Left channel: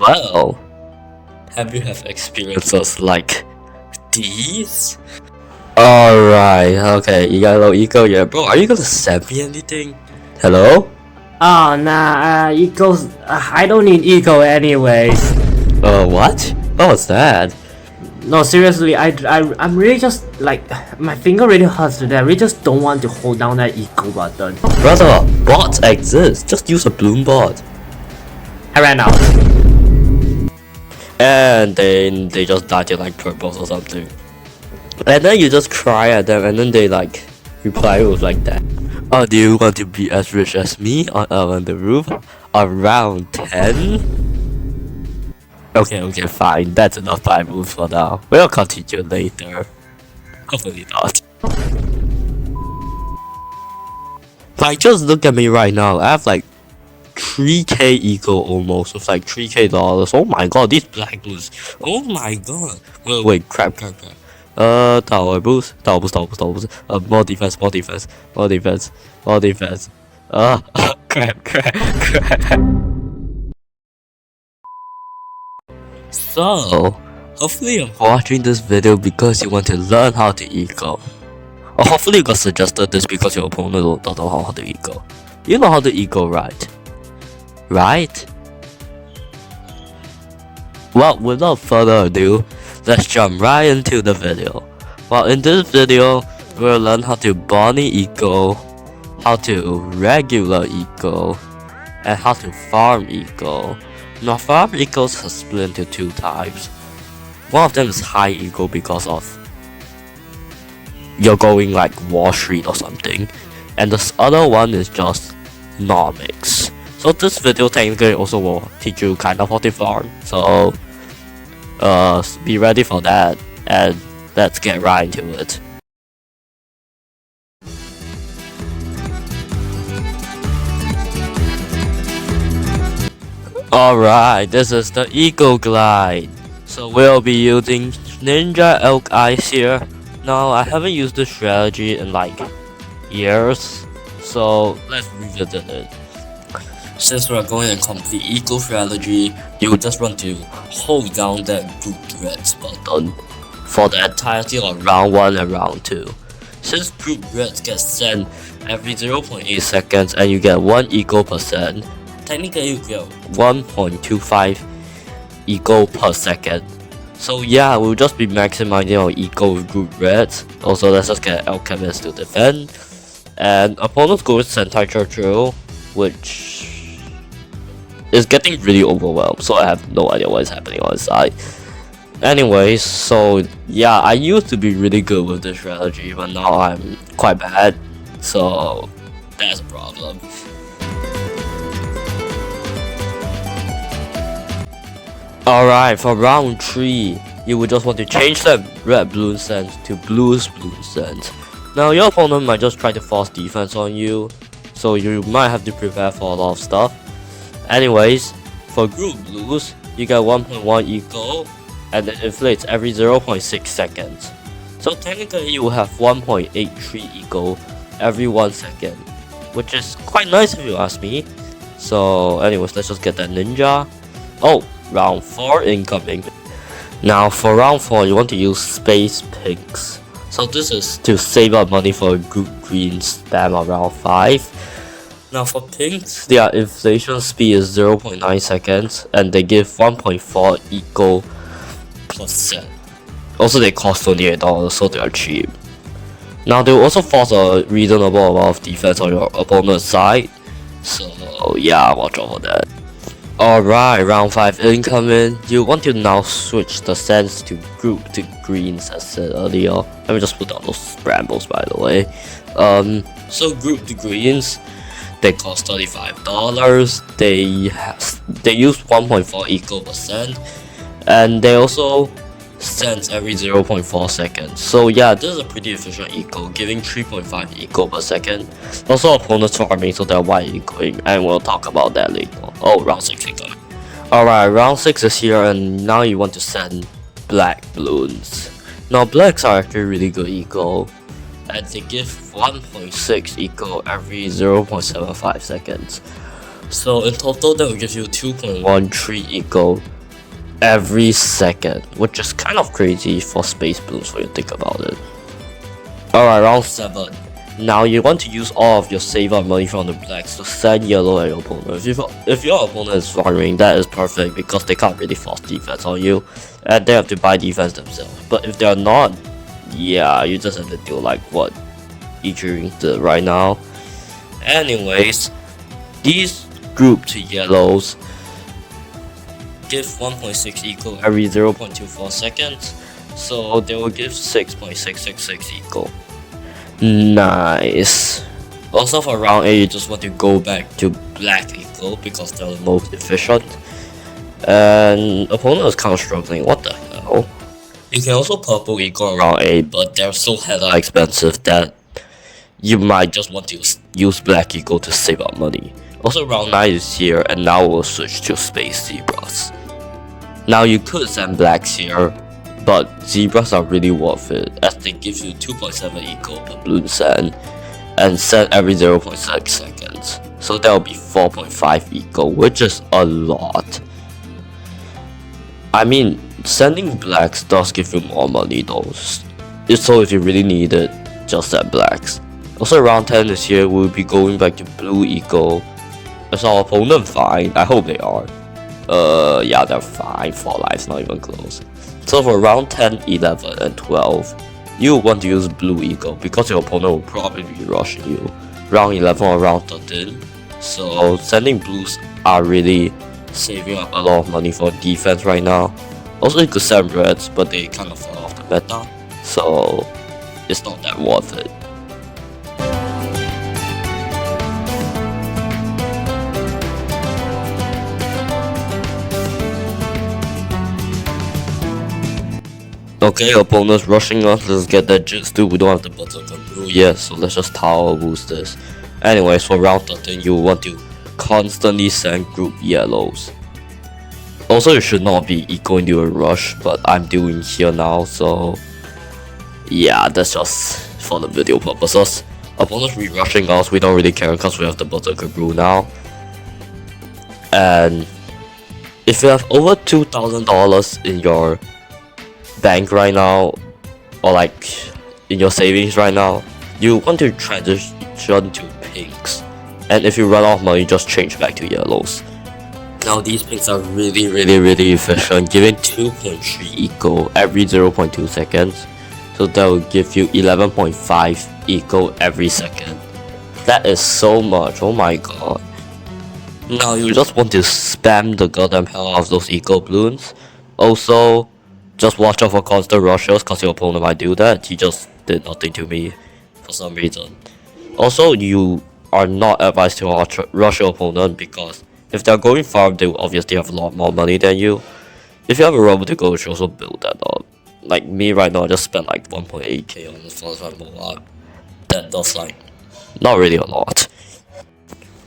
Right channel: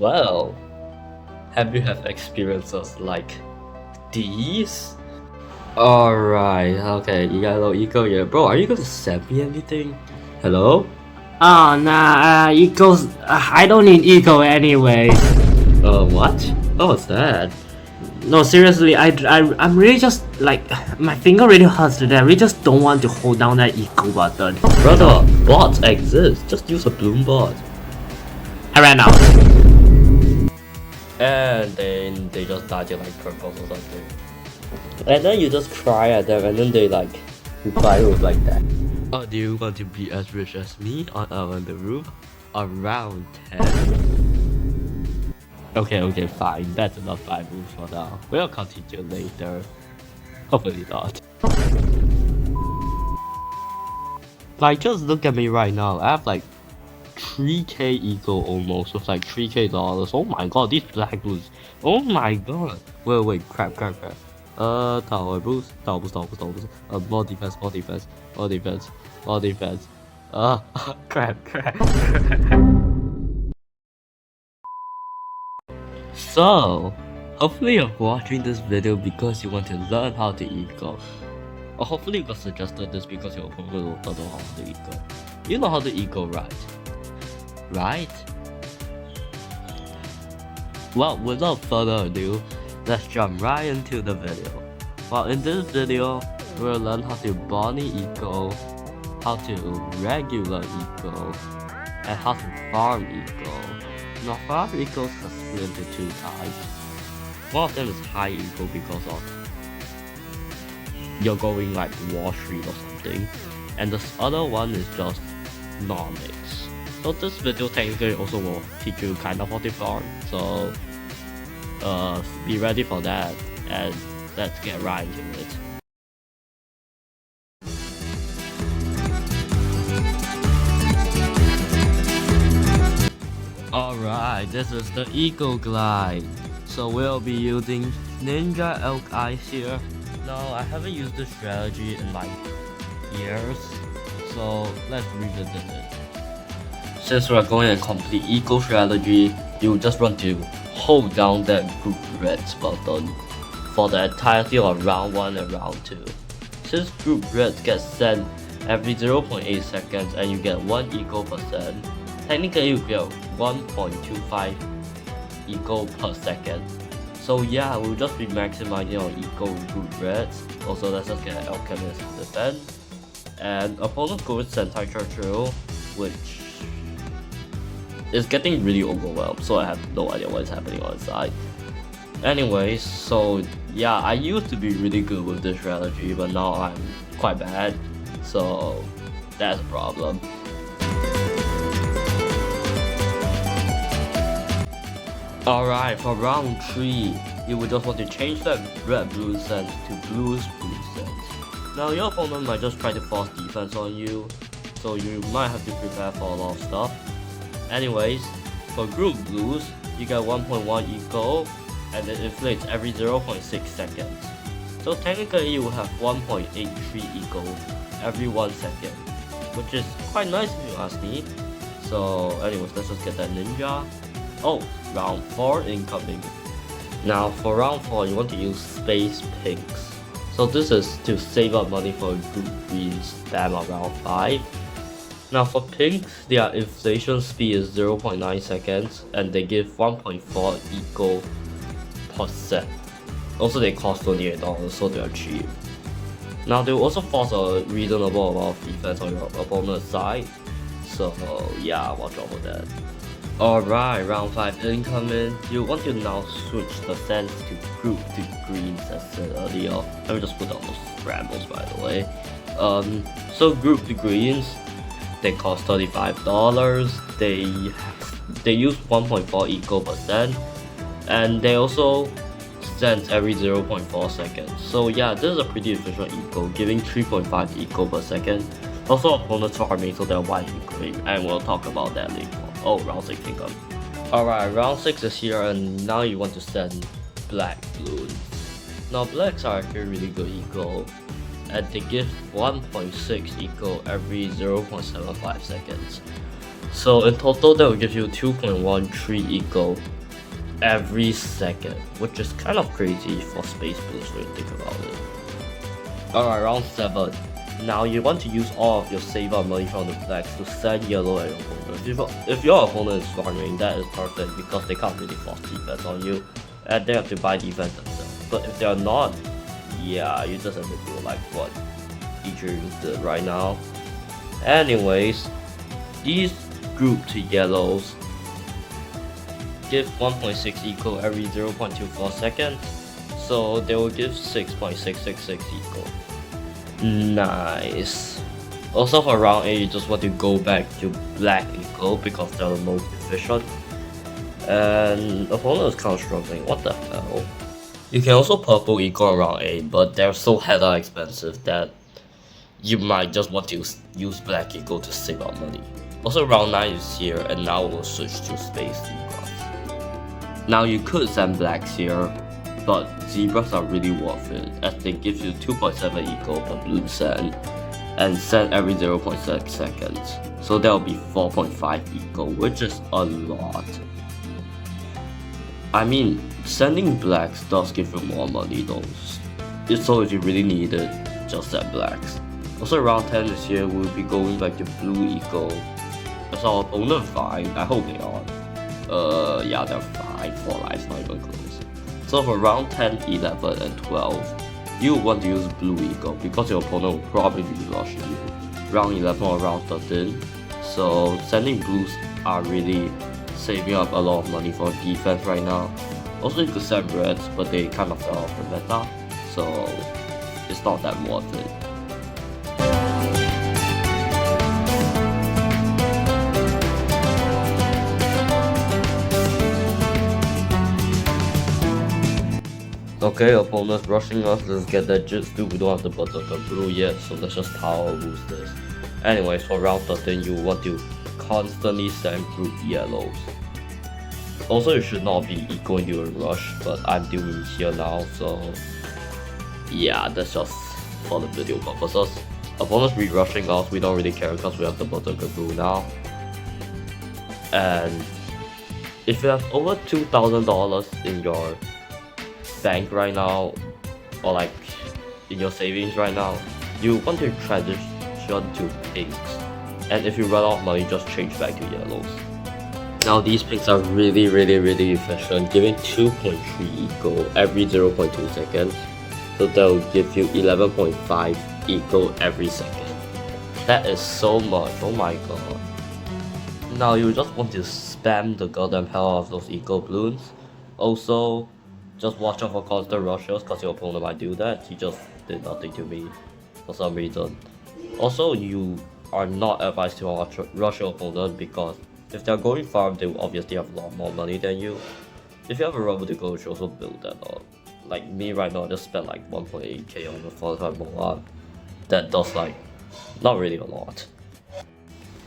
Well, have you have experiences like these? Alright, okay, you got a little ego, yeah. Bro, are you gonna send me anything? Hello? Oh nah, ego's. I don't need ego anyway. What? What was that? No, seriously, I'm really just like my finger really hurts today. I really just don't want to hold down that ego button. Brother, bots exist. Just use a Bloon bot. I ran out. And then they just died in like purples or something. And then you just cry at them and then they like reply with like that. Oh, do you want to be as rich as me on the roof? Around 10? Okay, fine. That's enough time moves for now. We'll continue later. Hopefully not. Like, just look at me right now. I have like 3k ego almost with like $3k. Oh my god, these black blues. Oh my god. Wait, crap. Tower boost. More defense. Crap. So, hopefully you're watching this video because you want to learn how to eco. Or hopefully you got suggested this because your opponent don't know how to eco. You know how to eco, right? Right? Well, without further ado, let's jump right into the video. Well, in this video, we'll learn how to Bonnie eco, how to regular eco, and how to farm eco. Now, farm ecos are split into two types. One of them is high eco because of you're going like Wall Street or something, and this other one is just nomics. So this video technically also will teach you kind of how to farm. So be ready for that, and let's get right into it. Alright, this is the Eagle Glide. So we'll be using Ninja Elk Eyes here. Now, I haven't used this strategy in like years, so let's revisit it. Since we're going to complete eco strategy, you just want to hold down that group reds button for the entirety of round 1 and round 2. Since group reds get sent every 0.8 seconds and you get 1 eco percent, technically you get 1.25 eco per second. So yeah, we'll just be maximizing our eco with group reds. Also, let's just get Alchemist to defend. And opponents go with Sentai Churchill, which is getting really overwhelmed, so I have no idea what is happening on his side. Anyways, so yeah, I used to be really good with this strategy, but now I'm quite bad, so that's a problem. Alright, for round 3, you would just want to change that red Bloon sense to blues Bloon sense. Now your opponent might just try to force defense on you, so you might have to prepare for a lot of stuff. Anyways, for group blues, you get 1.1 eco and it inflates every 0.6 seconds. So technically you will have 1.83 eco every 1 second, which is quite nice if you ask me. So anyways, let's just get that ninja. Oh, round 4 incoming. Now for round 4, you want to use space pinks. So this is to save up money for a group green stam on round 5. Now for pinks, their inflation speed is 0.9 seconds and they give 1.4 eco percent. Also they cost $28, so they are cheap. Now they will also force a reasonable amount of defense on your opponent's side. So yeah, watch out for that. Alright, round 5 incoming. You want to now switch the sense to group to greens as said earlier. Let me just put down those brambles by the way. So group to greens, they cost $35. They use 1.4 eco percent, and they also sense every 0.4 seconds. So yeah, this is a pretty efficient eco, giving 3.5 eco per second. Also opponents farming, so they're wide ecoing, and we'll talk about that later. Oh, round 6 incoming. Alright, round 6 is here, and now you want to send black Bloons. Now blacks are actually really good eco, and they give 1.6 eco every 0.75 seconds. So in total that will give you 2.13 eco every second, which is kind of crazy for space boost when you think about it. Alright, round 7. Now you want to use all of your save up money from the blacks to send yellow at your opponent. If your opponent is farming, that is perfect because they can't really force defense on you and they have to buy defense themselves. But if they're not, yeah, you just have to do like what Ichirin did right now. Anyways, these group to yellows give 1.6 eco every 0.24 seconds, so they will give 6.666 eco. Nice. Also for round 8, you just want to go back to black eco because they're the most efficient. And opponent is kind of struggling, what the hell? You can also purple eco around 8, but they're so hella expensive that you might just want to use black eco to save up money. Also round 9 is here, and now we'll switch to space zebras. Now you could send blacks here, but zebras are really worth it as they give you 2.7 eco per bloon send and send every 0.6 seconds. So that will be 4.5 eco, which is a lot. I mean, sending blacks does give you more money though, so if you really need it, just send blacks. Also round 10 this year, we'll be going back to blue eco. Is our opponent fine? I hope they are. Yeah, they're fine. 4 lives, not even close. So for round 10, 11, and 12, you want to use blue eco because your opponent will probably be rushing you. Round 11 or round 13. So sending blues are really saving up a lot of money for defense right now. Also you could send reds, but they kind of fell off the meta, so it's not that worth it. Okay, opponents rushing us, let's get that jits too. We don't have the berserker brew yet, so let's just tower boost this. Anyways, for round 13, you want to constantly send group yellows. Also, you should not be ecoing into a rush, but I'm doing here now, so yeah, that's just for the video purposes. Opponents re-rushing us, we don't really care because we have the berserker brew now. And if you have over $2,000 in your bank right now, or like in your savings right now, you want to transition to pinks, and if you run out of money, just change back to yellows. Now these pinks are really efficient, giving 2.3 eco every 0.2 seconds, so that will give you 11.5 eco every second. That is so much, oh my god. Now you just want to spam the goddamn hell out of those eco balloons. Also, just watch out for constant rushes because your opponent might do that. He just did nothing to me for some reason. Also, you are not advised to rush your opponent because if they're going farm, they will obviously have a lot more money than you. If you have a robot to go, you should also build that up. Like me right now, I just spent like 1.8k on the first one more. That does like not really a lot.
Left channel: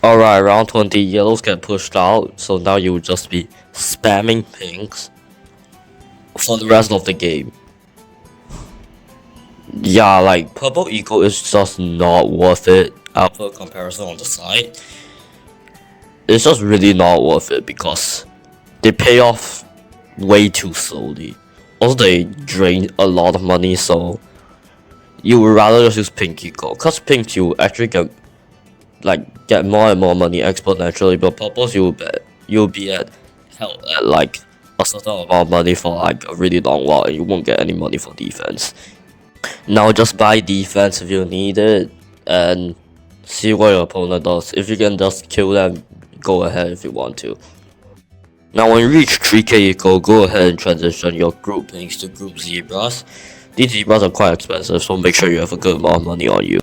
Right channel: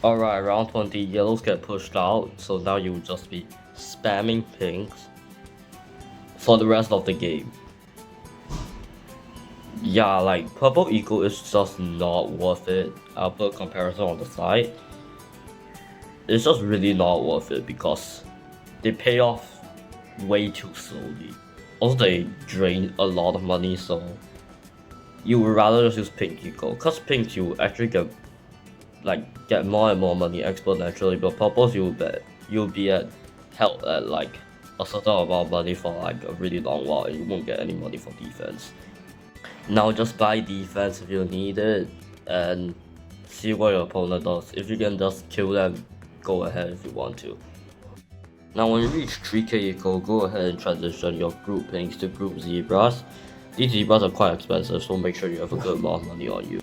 Alright, round 20, yellows get pushed out, so now you will just be spamming pinks for the rest of the game. Yeah, like purple eco is just not worth it. I'll put a comparison on the side. It's just really not worth it because they pay off way too slowly. Also they drain a lot of money, so you would rather just use pink eco. Cause pink you actually get more and more money exponentially, but purples you'll be at held at like a certain amount of money for like a really long while and you won't get any money for defense. Now just buy defense if you need it and see what your opponent does. If you can just kill them, go ahead if you want to. Now when you reach 3k eco, go ahead and transition your group pinks to group zebras. These zebras are quite expensive, so make sure you have a good amount of money on you.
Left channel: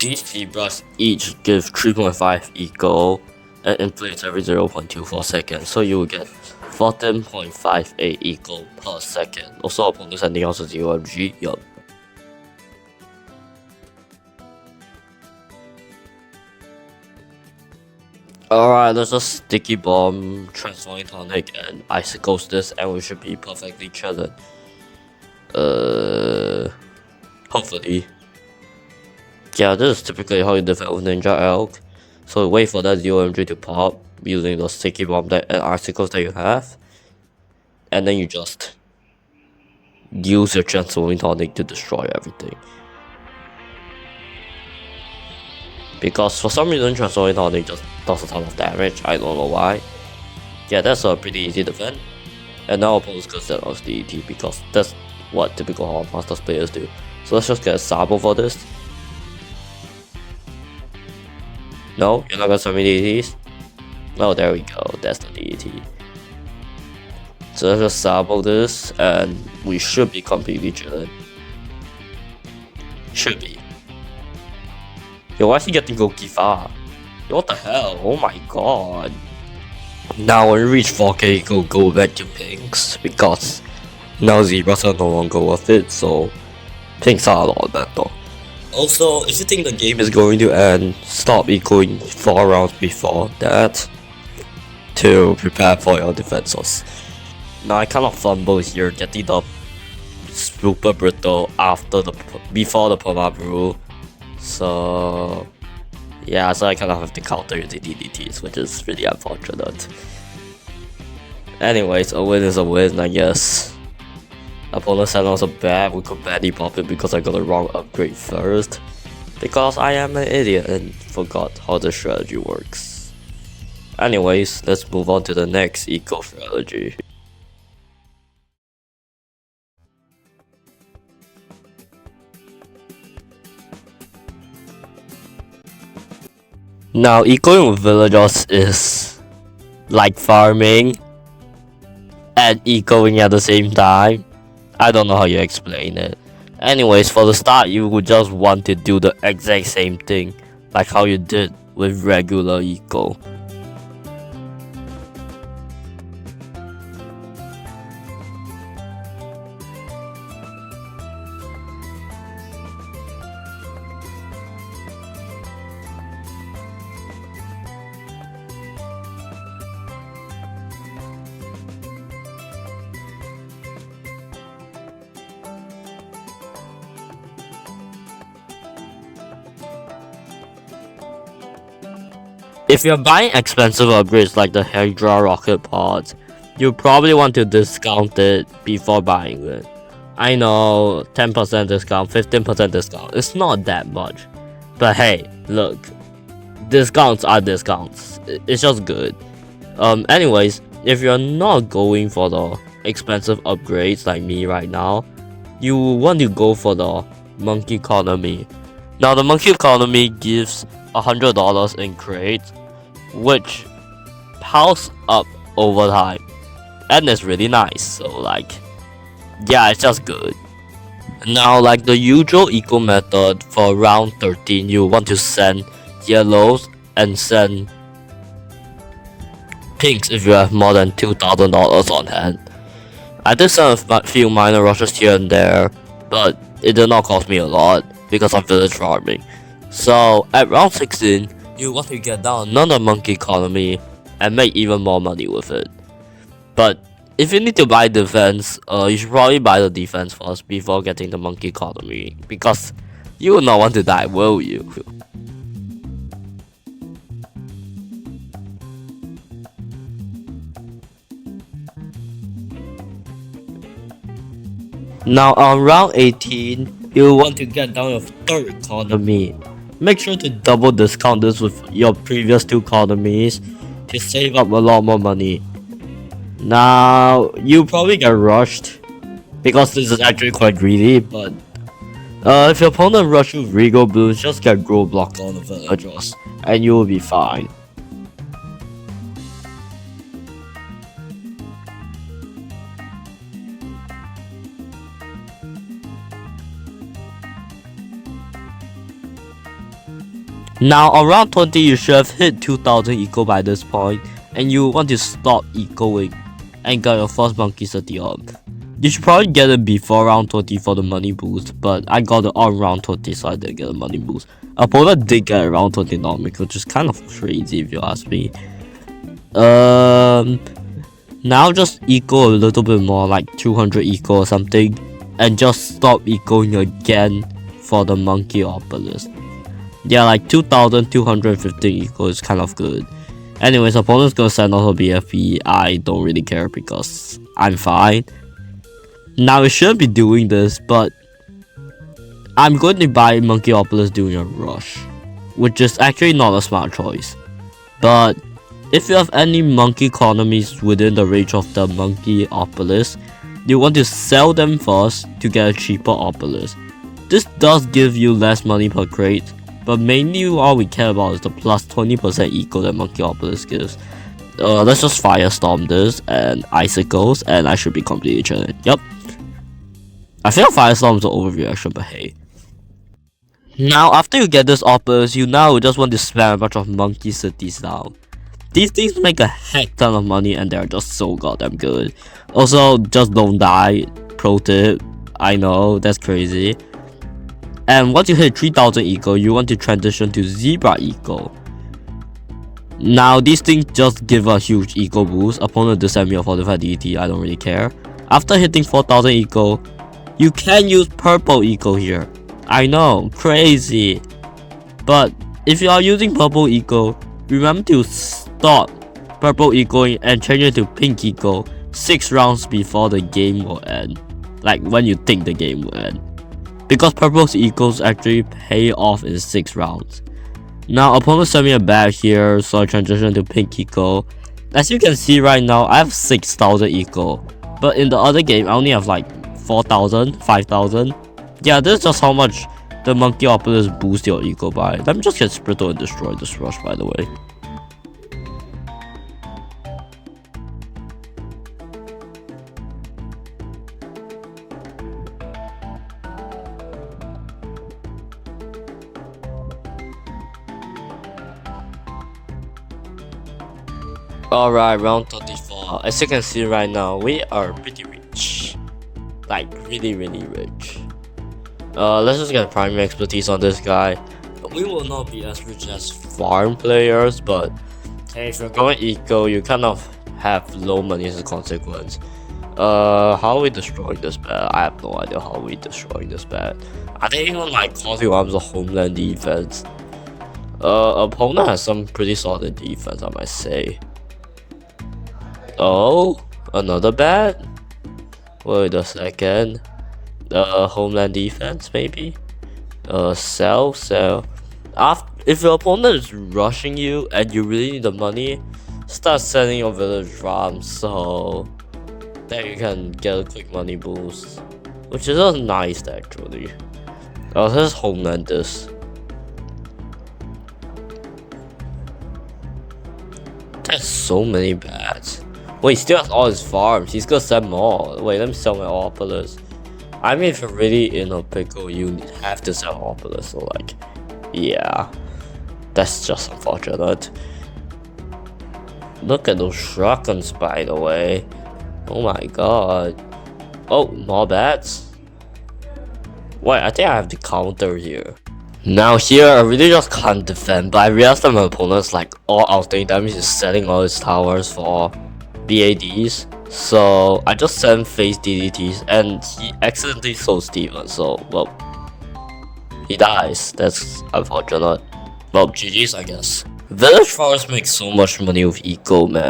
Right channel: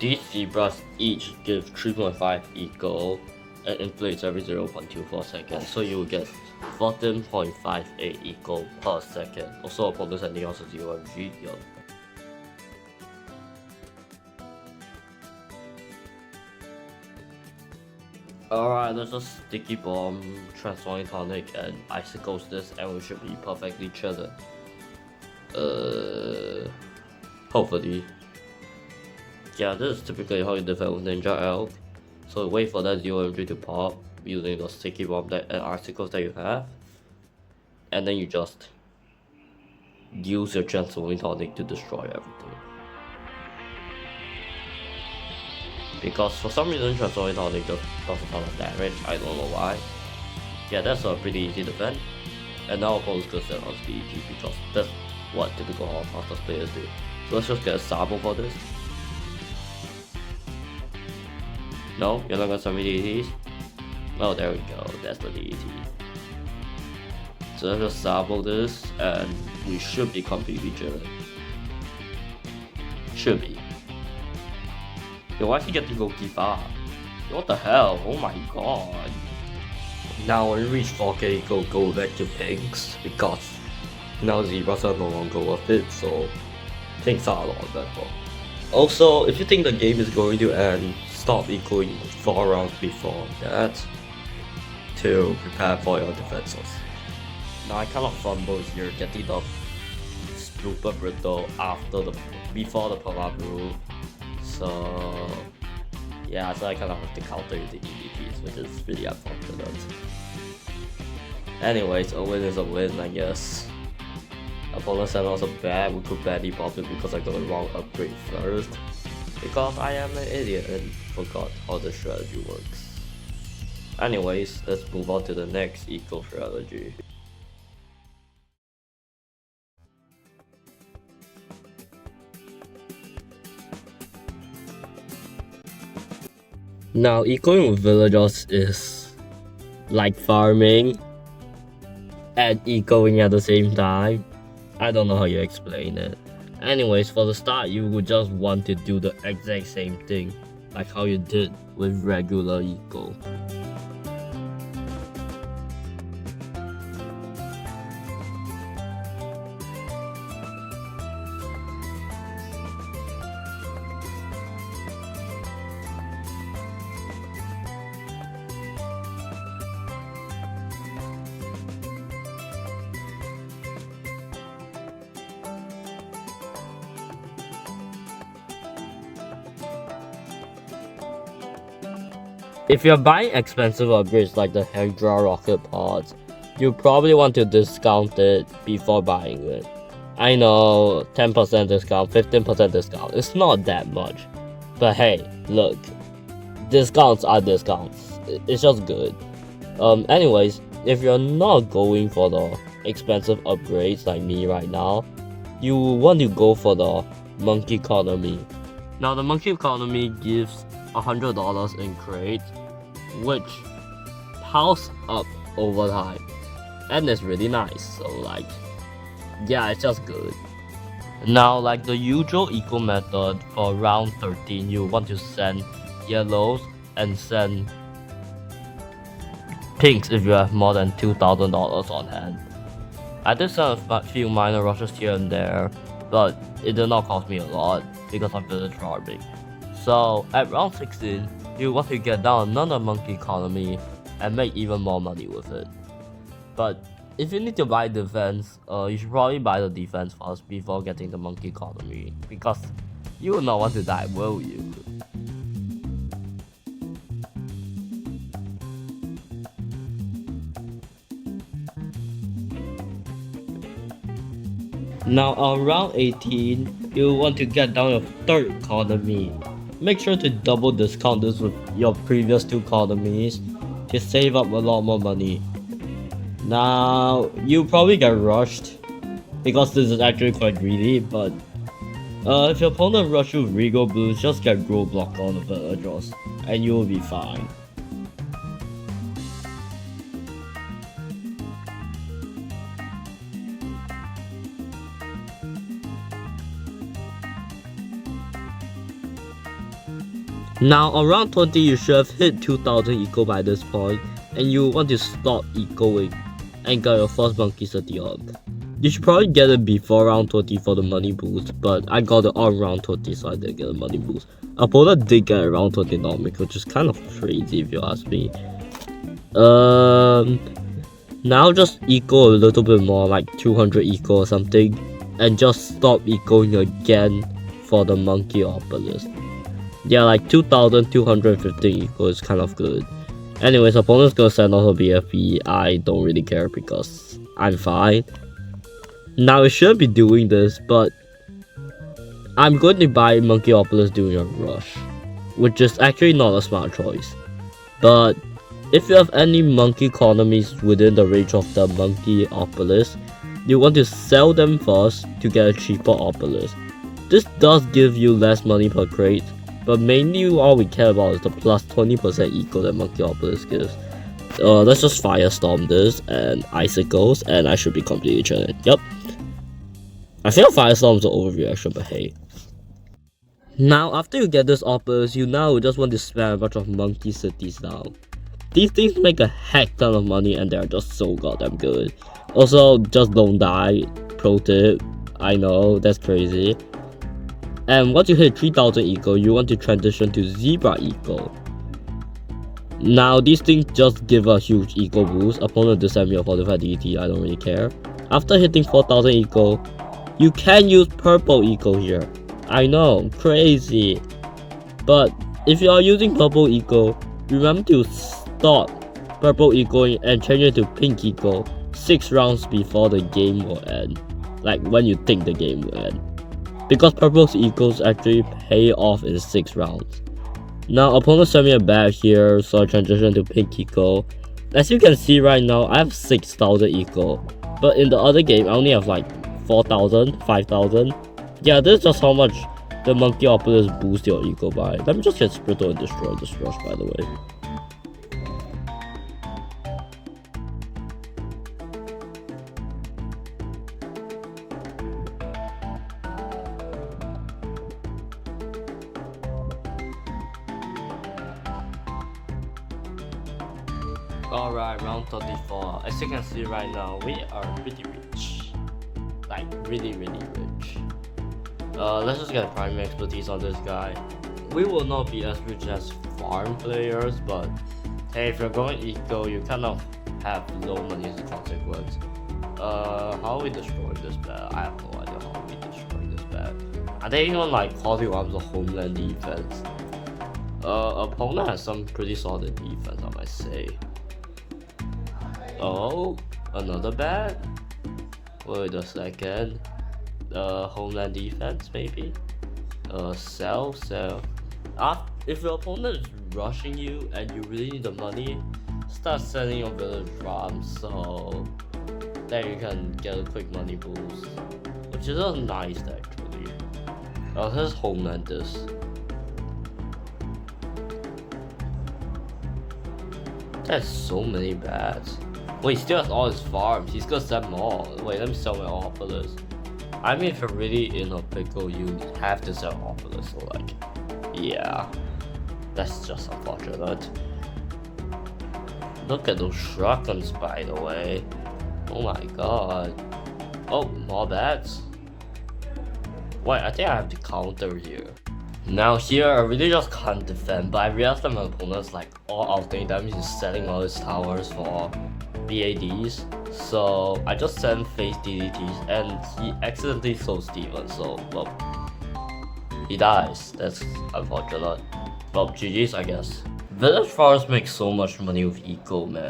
These zebras each give 3.5 eco and inflates every 0.24 seconds, so you will get 14.58 eco per second. Also, opponent sending out a 0mg, yup. Alright, let's just sticky bomb, transforming tonic, and icicles this, and we should be perfectly chilling. Hopefully. Yeah, this is typically how you defend with Ninja Elk. So wait for that UMG to pop using those sticky bomb and articles that you have, and then you just use your transforming tonic to destroy everything. Because for some reason transforming tonic just does a ton of damage, I don't know why. Yeah, that's a pretty easy defense. And now opponents could set on DET because that's what typical Hard Masters players do. So let's just get a Sabo for this. No, you're not gonna summon DETs? Oh, there we go, that's the DET. So let's just Sabo this, and we should be completely chilling. Should be. Yo, why is he getting Gokifa? Yo, what the hell? Oh my god. Now when we reach 4K, go back to pinks, because now zebras are no longer worth it, so pinks are a lot better. Also, if you think the game is going to end, stop ecoing 4 rounds before that to prepare for your defenses. Now I kind of fumble here, getting the super brittle before the perma brew. So yeah, so I kind of have to counter the DDTs, which is really unfortunate. Anyways, a win is a win, I guess. Opponent set also bad, we could badly pop it because I got the wrong upgrade first. Because I am an idiot and forgot how the strategy works. Anyways, let's move on to the next eco strategy. Now, ecoing with villagers is like farming and ecoing at the same time. I don't know how you explain it. Anyways, for the start, you would just want to do the exact same thing, like how you did with regular eco. If you're buying expensive upgrades like the Hydra rocket pods, you probably want to discount it before buying it. I know, 10% discount, 15% discount, it's not that much. But hey, look, discounts are discounts, it's just good. Anyways, if you're not going for the expensive upgrades like me right now, you want to go for the monkey economy. Now the monkey economy gives $100 in crates, which piles up over time, and it's really nice. So like, yeah, it's just good. Now, like the usual eco method for round 13, you want to send yellows and send pinks if you have more than $2,000 on hand. I did send a few minor rushes here and there, but it did not cost me a lot because I'm village farming. So at round 16, you want to get down another monkey economy and make even more money with it. But if you need to buy defense, you should probably buy the defense first before getting the monkey economy, because you will not want to die, will you? Now on round 18, you want to get down your third economy. Make sure to double discount this with your previous 2 economies to save up a lot more money. Now, you probably get rushed because this is actually quite greedy, but if your opponent rushes with Regal Bloons, just get Grow Block on the villagers and you will be fine. Now around 20, you should have hit 2000 eco by this point, and you want to stop ecoing and get your first monkey city up. You should probably get it before round 20 for the money boost, but I got it on round 20, so I didn't get a money boost. Opponent did get around 20 economic, which is kind of crazy if you ask me. Now just eco a little bit more, like 200 eco or something, and just stop ecoing again for the monkey obelisk. Yeah, like 2,215 eco is kind of good. Anyways, opponents go send also BFP. I don't really care because I'm fine. Now I should be doing this, but I'm going to buy Monkeyopolis during a rush, which is actually not a smart choice. But if you have any monkey economies within the range of the Monkeyopolis, you want to sell them first to get a cheaper Opolis. This does give you less money per crate, but mainly all we care about is the plus 20% eco that Monkeyopolis gives. Let's just Firestorm this and Icicles, and I should be completely chilling. Yep. I feel Firestorm is an overreaction, but hey. Now, after you get this Opolis, you now just want to spam a bunch of monkey cities now. These things make a heck ton of money and they're just so goddamn good. Also, just don't die. Pro tip. I know, that's crazy. And once you hit 3000 eco, you want to transition to Zebra eco. Now, these things just give a huge eco boost. Opponent just send me a 45 DT, I don't really care. After hitting 4000 eco, you can use purple eco here. I know, crazy. But if you are using purple eco, remember to stop purple eco and change it to pink eco 6 rounds before the game will end. Like when you think the game will end. Because purple's ecos actually pay off in 6 rounds. Now opponent sent me a bag here, so I transition to pink eco. As you can see right now, I have 6000 eco. But in the other game, I only have like 4000, 5000. Yeah, this is just how much the Monkeyopolis boosts your eco by. Let me just get Sprittle and destroy this rush, by the way. Alright, round 34. As you can see right now, we are pretty rich. Like, really rich. Let's just get primary expertise on this guy. We will not be as rich as farm players, but hey, if you're going eco, you kind of have low money as a consequence. How are we destroying this bat? I have no idea how we destroying this bat. Are they even like causing arms of homeland defense? Opponent has some pretty solid defense, I might say. Oh, another bat? Wait a second. Homeland defense maybe? Sell. If your opponent is rushing you and you really need the money, start selling your village drums so that you can get a quick money boost. Which is just nice actually. Let's homeland this. There's so many bats. Wait, he still has all his farms. He's gonna sell more. Wait, let me sell my Opolis. I mean, if you're really in a pickle, you have to sell Opolis. So, like, yeah. That's just unfortunate. Look at those shotguns, by the way. Oh my god. Oh, more bats? Wait, I think I have the counter here. Now here, I really just can't defend, but I realized that my opponent's like all outstanding damage is selling all his towers for BADs, so I just sent face DDTs and he accidentally sold Steven, so well, he dies. That's unfortunate. Well, GG's I guess. Village farms make so much money with eco, man.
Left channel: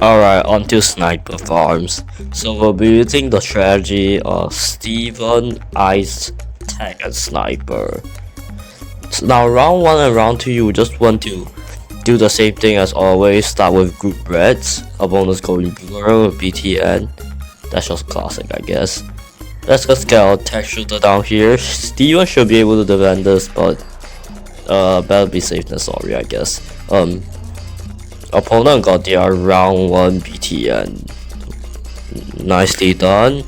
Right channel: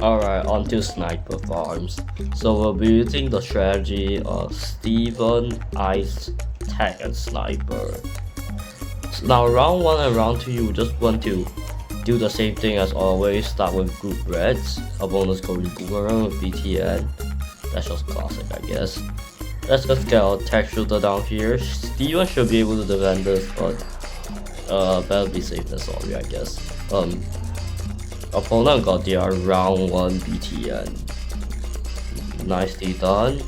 Alright, on to sniper farms. So we'll be using the strategy of Steven, Ice, Tech, and Sniper. So now round 1 and round 2, you just want to do the same thing as always. Start with group reds. Opponents going boomerang with BTN. That's just classic, I guess. Let's just get our tech shooter down here. Steven should be able to defend this, but better be safe than sorry, I guess. Opponent got their round 1 BTN. Nicely done.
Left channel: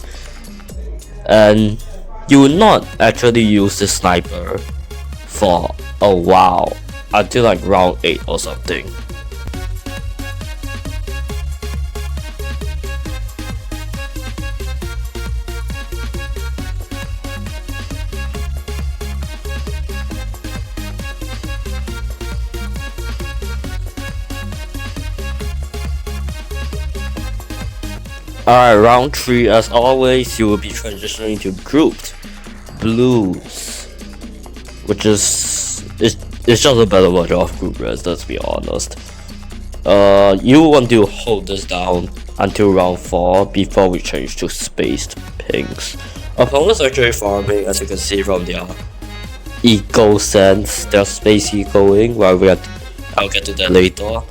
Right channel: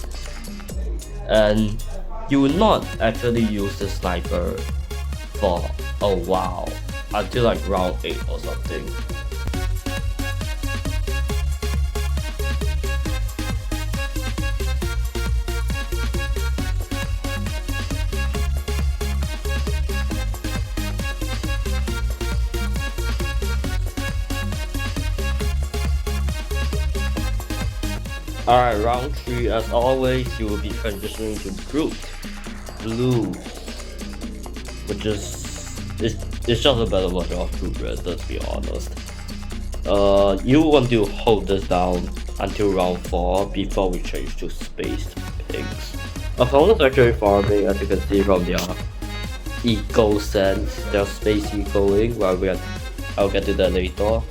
And you will not actually use the sniper for a while, until like round 8 or something. Alright, round 3, as always, you will be transitioning to grouped blues, which is it's just a better version of group rest, let's be honest. You want to hold this down until round 4 before we change to spaced pinks. Opponents are Heli Farming, as you can see from their eco sense, their space ecoing, while I'll get to that later.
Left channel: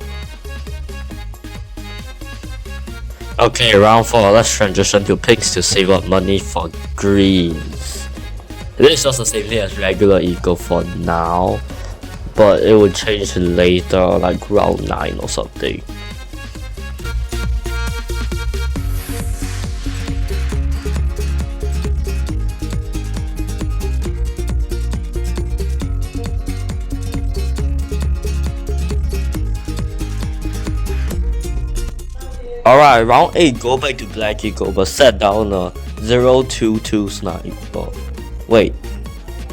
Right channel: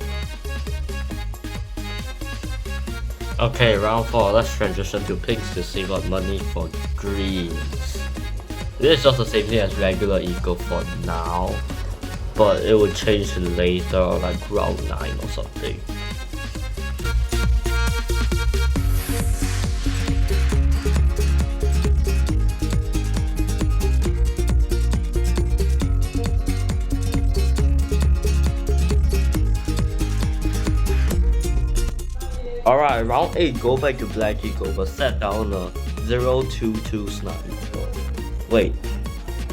Okay, round 4, let's transition to pinks to save up money for greens. It is just the same thing as regular eco for now, but it will change later, like round 9 or something. Alright, round 8, go back to black eco, but set down a 0-2-2 sniper. Wait,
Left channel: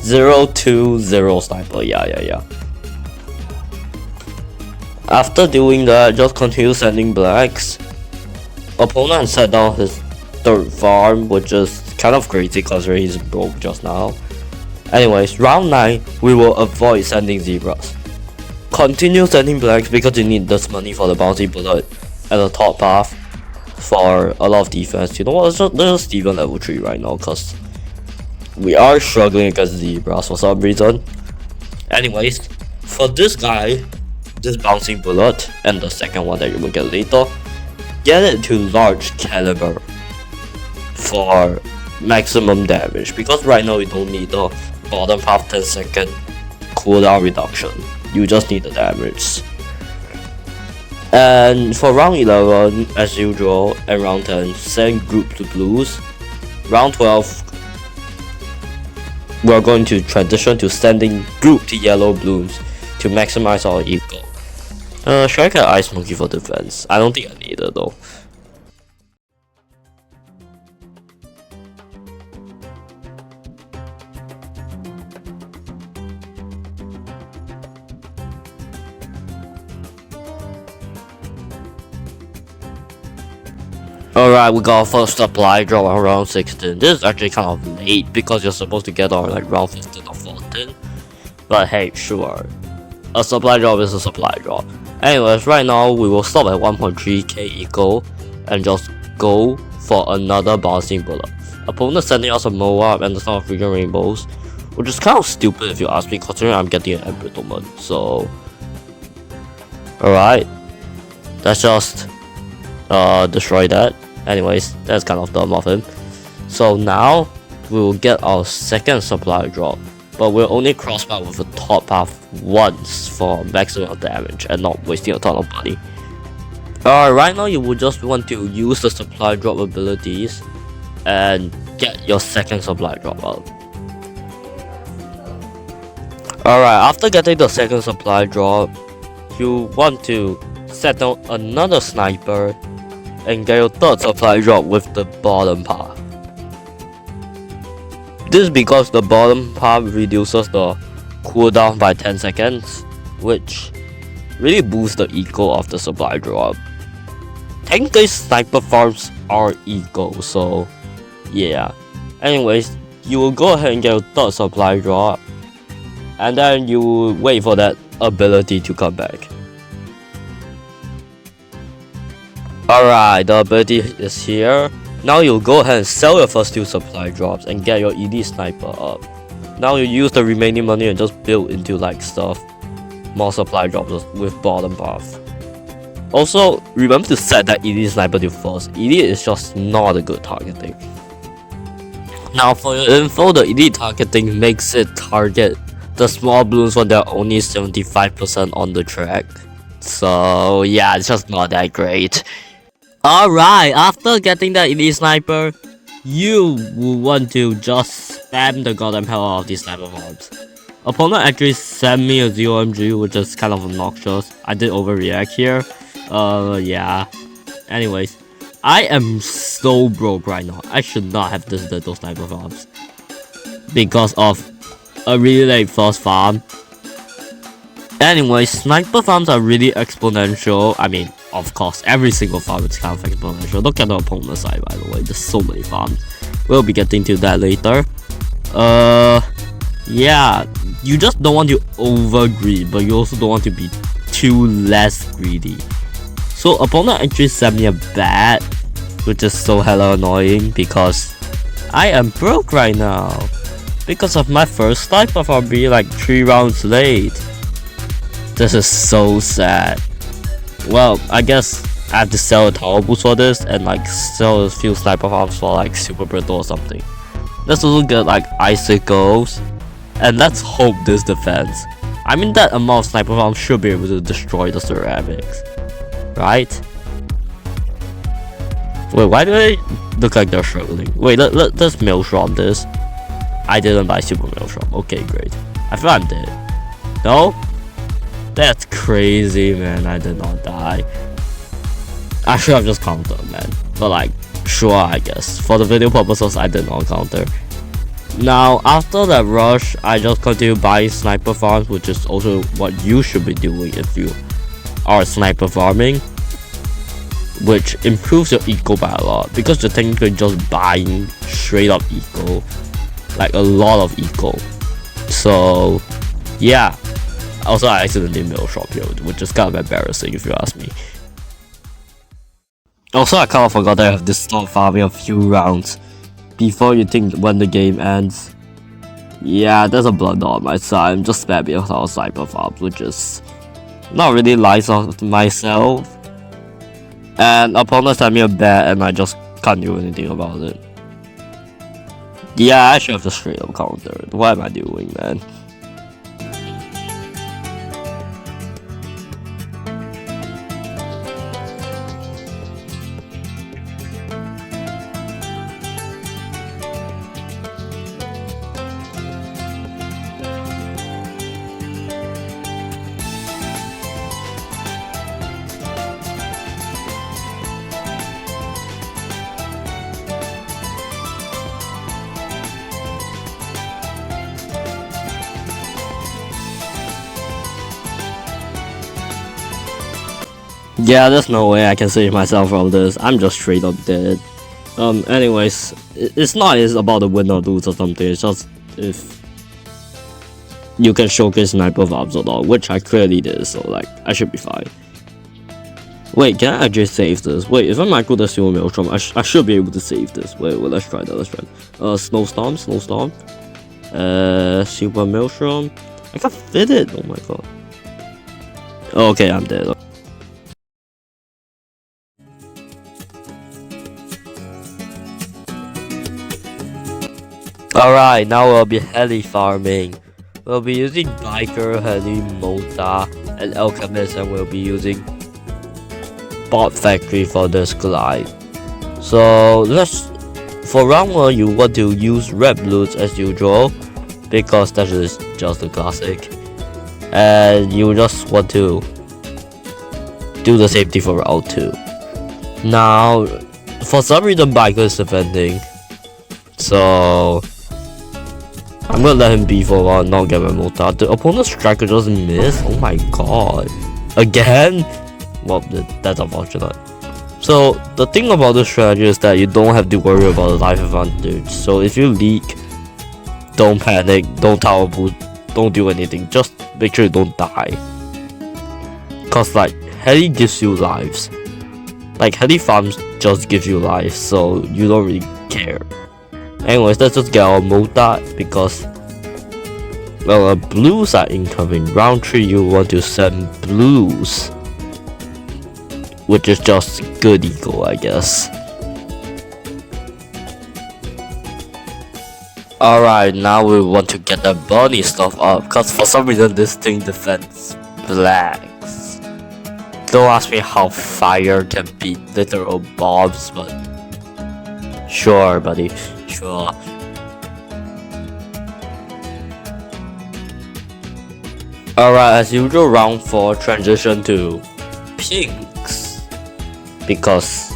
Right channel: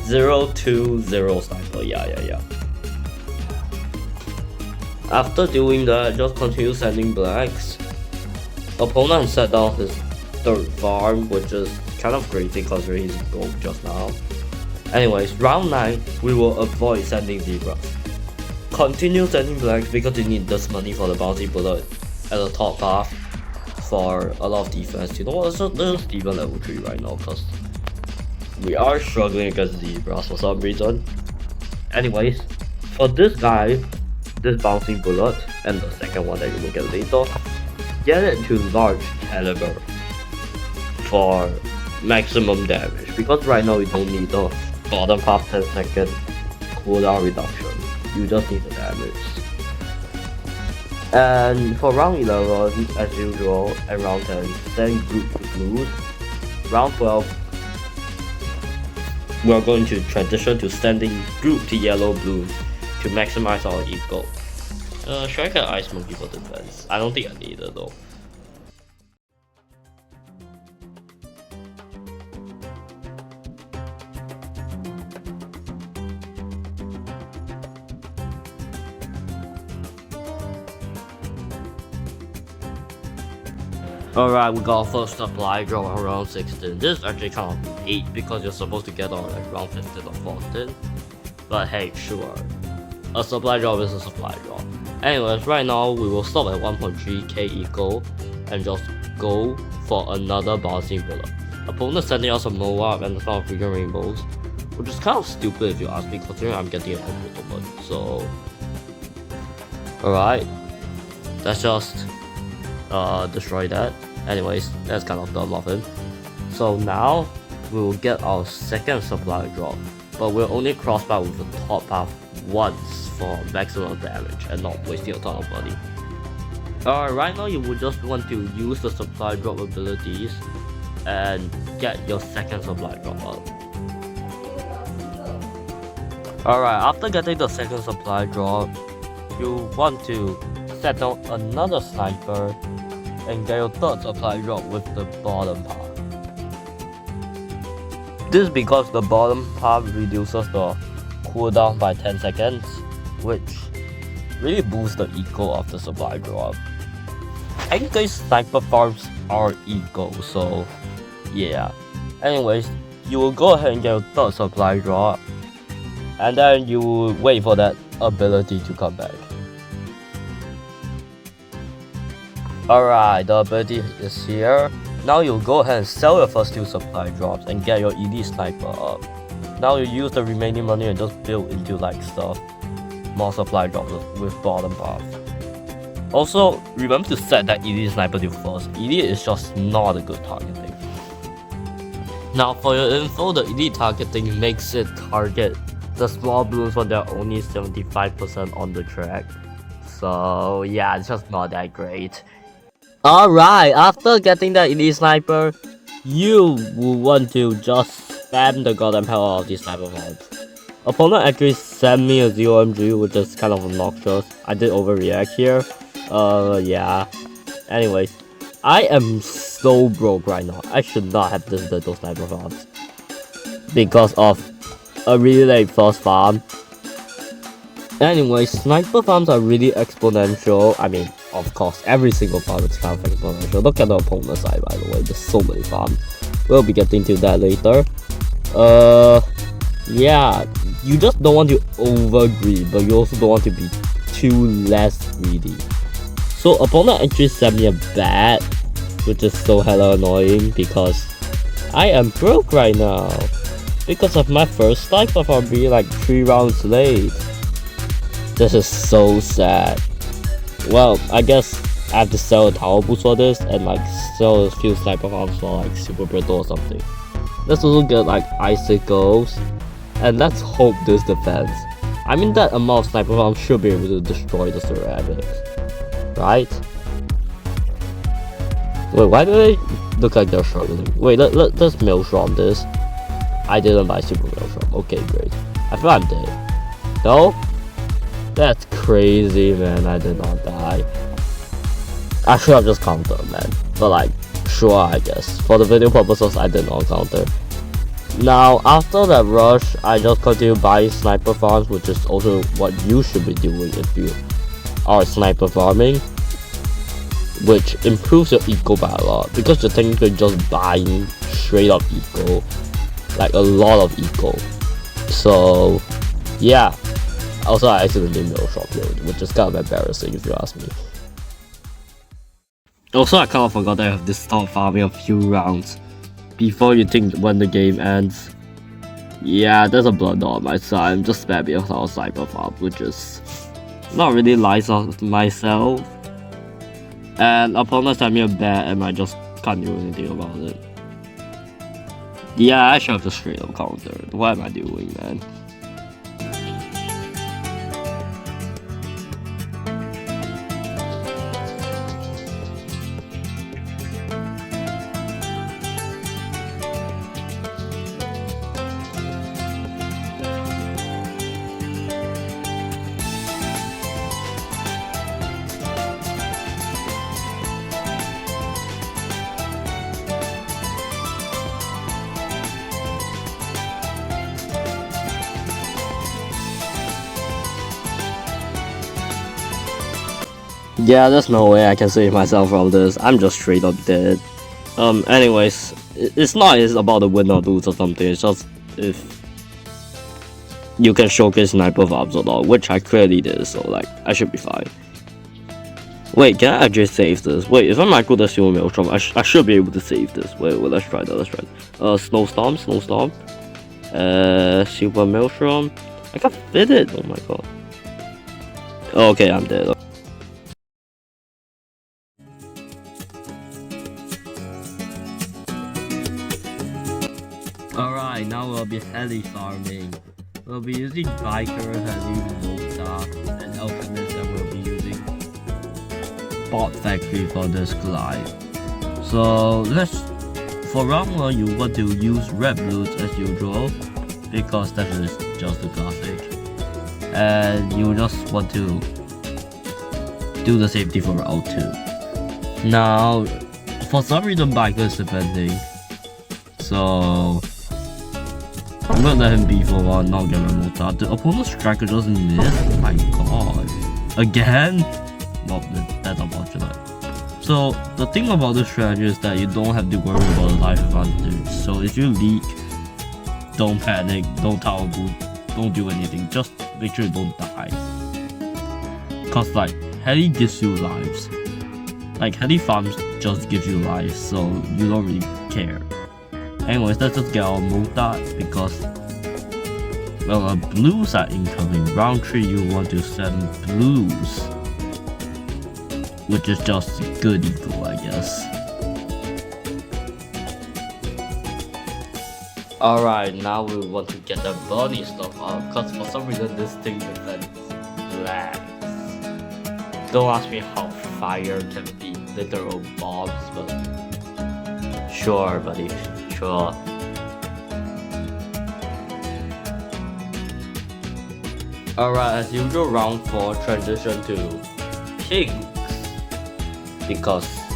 0-2-0 sniper, yeah. After doing that, just continue sending blacks. Opponent set down his third farm, which is kind of crazy considering he's broke just now. Anyways, round 9, we will avoid sending zebras. Continue sending blacks because you need this money for the bouncy bullet at the top path for a lot of defense. You know what, let's just even level 3 right now because we are struggling against zebras for some reason. Anyways, for this guy, this bouncing bullet and the second one that you will get later, get it to large caliber for maximum damage, because right now you don't need the bottom half 10-second cooldown reduction, you just need the damage. And for round 11, as usual, and round 10, send group to blues. Round 12, we are going to transition to sending group to yellow Bloons to maximize our eco. Should I get Ice Monkey for defense? I don't think I need it though. Alright, we got our first supply drop on round 16. This is actually kind of late because you're supposed to get on like round 15 or 14. But hey, sure. A supply drop is a supply drop. Anyways, right now we will stop at 1.3k eco and just go for another bouncing bullet. Opponent sending us a Moab and the Son of Freaking Rainbows, which is kind of stupid if you ask me, considering I'm getting an embrittlement. So, alright, let's just destroy that. Anyways, that's kind of dumb of him. So now we will get our second supply drop, but we'll only crossbar with the top half once for maximum damage and not wasting a ton of money. Right now you would just want to use the supply drop abilities and get your second supply drop out. Alright, after getting the second supply drop, you want to set down another sniper and get your third supply drop with the bottom path. This is because the bottom path reduces the cooldown by 10 seconds, which really boosts the eco of the supply drop. Technically, sniper farms are eco, so yeah. Anyways, you will go ahead and get your third supply drop, and then you will wait for that ability to come back. Alright, the ability is here. Now you'll go ahead and sell your first two supply drops and get your elite sniper up. Now you use the remaining money and just build into like stuff, more supply drops with bottom path. Also, remember to set that elite sniper to first. Elite is just not a good targeting. Now for your info, the elite targeting makes it target the small Bloons when they're only 75% on the track. So yeah, it's just not that great. Alright, after getting the elite sniper, you will want to just spam the goddamn hell out of these sniper mobs. Opponent actually sent me a 0MG, which is kind of obnoxious. I did overreact here. Yeah. Anyways, I am so broke right now. I should not have visited those sniper farms because of a really late first farm. Anyways, sniper farms are really exponential. I mean, Of course, every single farm is kind of like a potential. Look at the opponent side, by the way. There's so many farms. We'll be getting to that later. Yeah, you just don't want to overgreed, but you also don't want to be too less greedy. So opponent actually sent me a bat, which is so hella annoying because I am broke right now because of my first sniper farm being like 3 rounds late. This is so sad. Well, I guess I have to sell a tower boost for this and like sell a few sniper farms for like super brittle or something. Let's also get like icicles, and let's hope this defense. I mean, that amount of sniper farms should be able to destroy the ceramics, right? Wait, why do they look like they're struggling? Wait, let's maelstrom this. I didn't buy super maelstrom. Okay, great. I feel I'm dead. No? That's crazy, man. I did not die. I should have just countered, man. But like, sure, I guess. For the video purposes, I did not counter. Now, after that rush, I just continue buying sniper farms, which is also what you should be doing if you are sniper farming, which improves your eco by a lot, because you're technically just buying straight up eco, like a lot of eco. So, yeah. Also, I accidentally maelstrom here, which is kind of embarrassing if you ask me. Also, I kind of forgot that I have to start farming a few rounds before you think when the game ends. Yeah, there's a blunder on my side. I'm just spamming a lot of sniper farms, which is not really nice of myself. And opponents sent me a bet and I just can't do anything about it. Yeah, I should have just straight up countered. What am I doing, man? Yeah, there's no way I can save myself from this. I'm just straight up dead. Anyways, it's not about the win or lose or something. It's just if you can showcase sniper farms or not, which I clearly did. So like, I should be fine. Wait, can I actually save this? Wait, if I'm micro the super maelstrom, I should be able to save this. Wait, let's try that. Snowstorm. Super maelstrom. I can fit it. Oh my god. Okay, I'm dead. Alright, now we'll be heli farming. We'll be using biker, heli, mota, and alchemist, and we'll be using bot factory for this glide. So for round 1, you want to use red Bloons as usual, because that is just a classic. And you just want to do the same thing for round 2. Now, for some reason biker is defending, so I'm gonna let him be for a while, not get my mota. The opponent's striker just missed. Oh my god. Again? Well, that's unfortunate. So, the thing about this strategy is that you don't have to worry about the life advantage. So, if you leak, don't panic, don't tower boot, don't do anything. Just make sure you don't die. Cause, like, heli gives you lives. Like, heli farms just give you lives, so you don't really care. Anyways, let's just get our mota because, well, blues are incoming. Round 3, you want to send blues, which is just good eco, I guess. Alright, now we want to get the bunny stuff up because for some reason this thing defends blacks. Don't ask me how fire can beat literal bombs, but sure, buddy. Sure. Alright, as usual, round 4 transition to pinks, because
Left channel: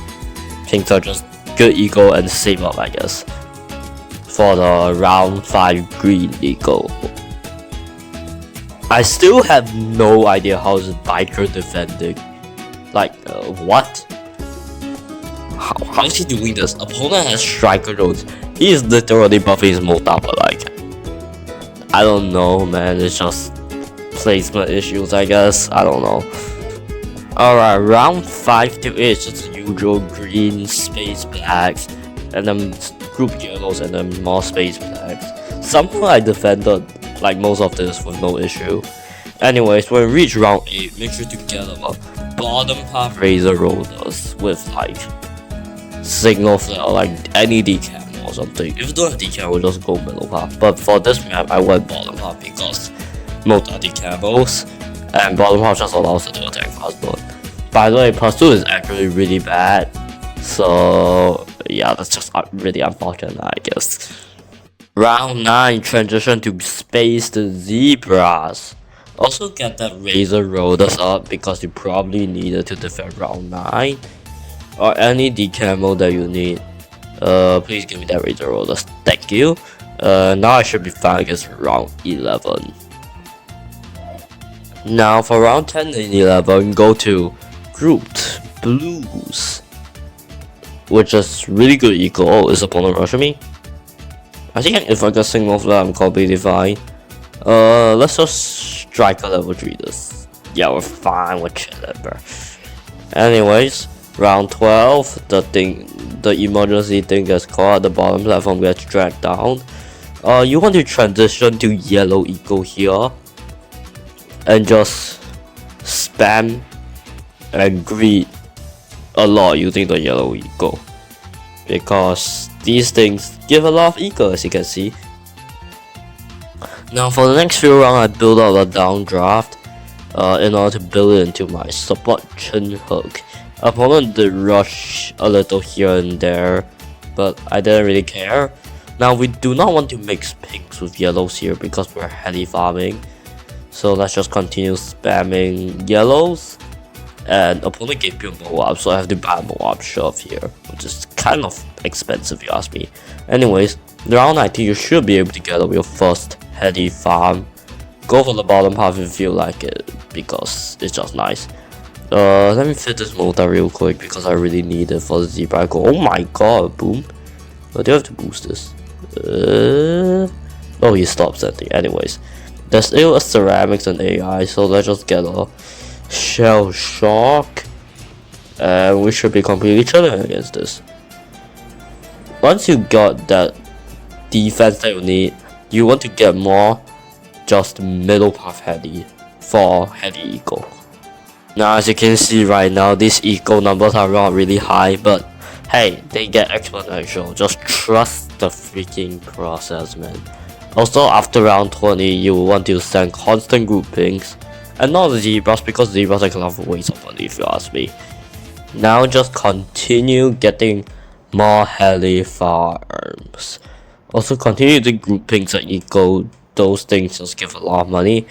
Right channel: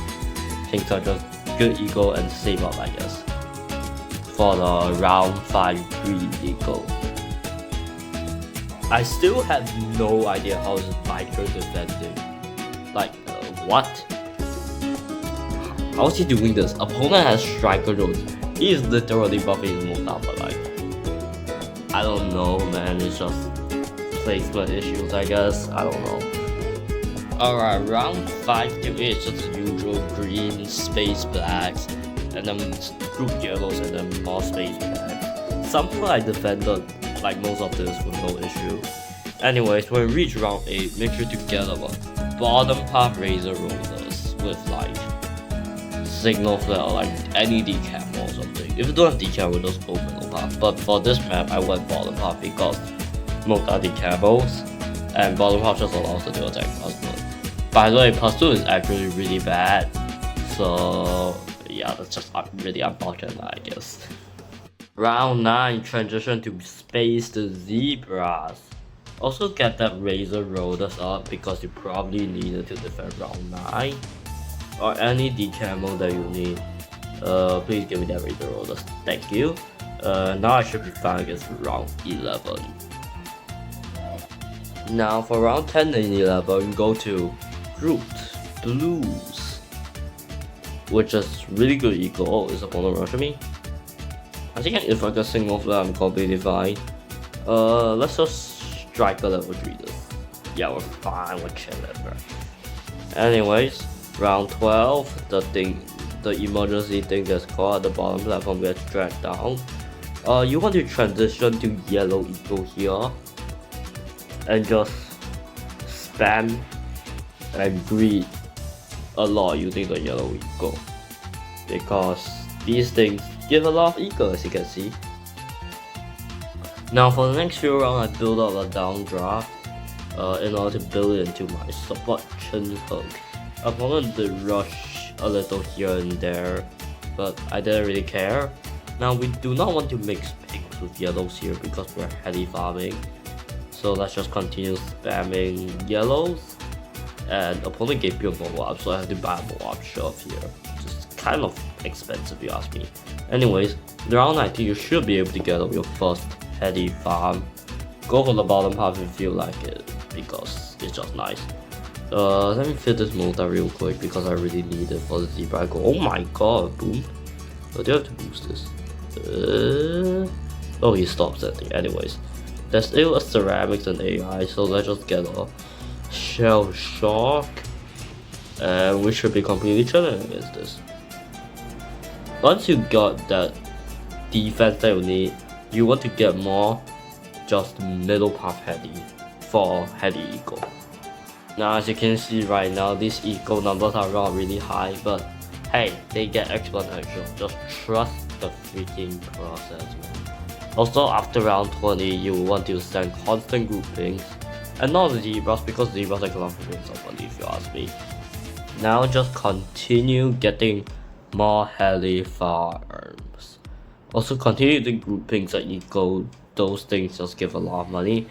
pinks are just good eco and save up, I guess, for the round 5 green eco. I still have no idea how is biker defending. Like, what? How is he doing this? Opponent has striker roads. He is literally buffing his Molta, but like, I don't know, man. It's just placement issues, I guess. I don't know. Alright, round 5 to 8 is just the usual green, space blacks, and then group yellows, and then more space blacks. Somehow I defended like most of this with no issue. Anyways, when we reach round 8, make sure to get a bottom half razor rollers with like signal flare or like any decam or something. If you don't have decam, we'll just go middle half. But for this map, I went bottom half because most are decamos, and bottom half just allows it to attack fast mode. By the way, plus 2 is actually really bad, so yeah, that's just really unfortunate, I guess. Round 9, transition to space the zebras. Also get that razor rollers up because you probably need it to defend round 9. Or any decamo that you need. Please give me that razor rollers, thank you. Now I should be fine against round 11. Now for round 10 and 11, go to grouped blues, which is really good eco. Oh, is opponent rushing me? I think if I get signal flare, I'm completely fine. Let's just striker level 3 this. Yeah, we're fine, we're chilling, bro. Anyways, round 12, the emergency thing gets caught, the bottom platform gets dragged down. You want to transition to yellow eco here and just spam and greet a lot using the yellow eco, because these things give a lot of eco, as you can see. Now for the next few rounds, I build up a downdraft in order to build it into my support chin hook. Opponent did rush a little here and there, but I didn't really care. Now we do not want to mix pinks with yellows here because we're Heli Farming. So let's just continue spamming yellows. And opponent gave me a Moab, so I have to buy a Moab shove here, which is kind of expensive if you ask me. Anyways, round 19 you should be able to get up your first Heli farm. Go for the bottom half if you feel like it, because it's just nice. Let me fit this Mota real quick because I really need it for the zebra. Oh my god, boom. I do have to boost this. Oh, he stopped something. Anyways, there's still a ceramics and AI, so let's just get a shell shock, and we should be completely chilling against this. Once you got that defense that you need, you want to get more just middle path Heli for Heli eco. Now as you can see right now, these eco numbers are not really high, but hey, they get exponential. Just trust the freaking process, man. Also, after round 20, you want to send constant groupings and not the zebras, because zebras are kind of a waste of money if you ask me. Now just continue getting more Heli farms. Also continue the groupings and eco. Those things just give a lot of money.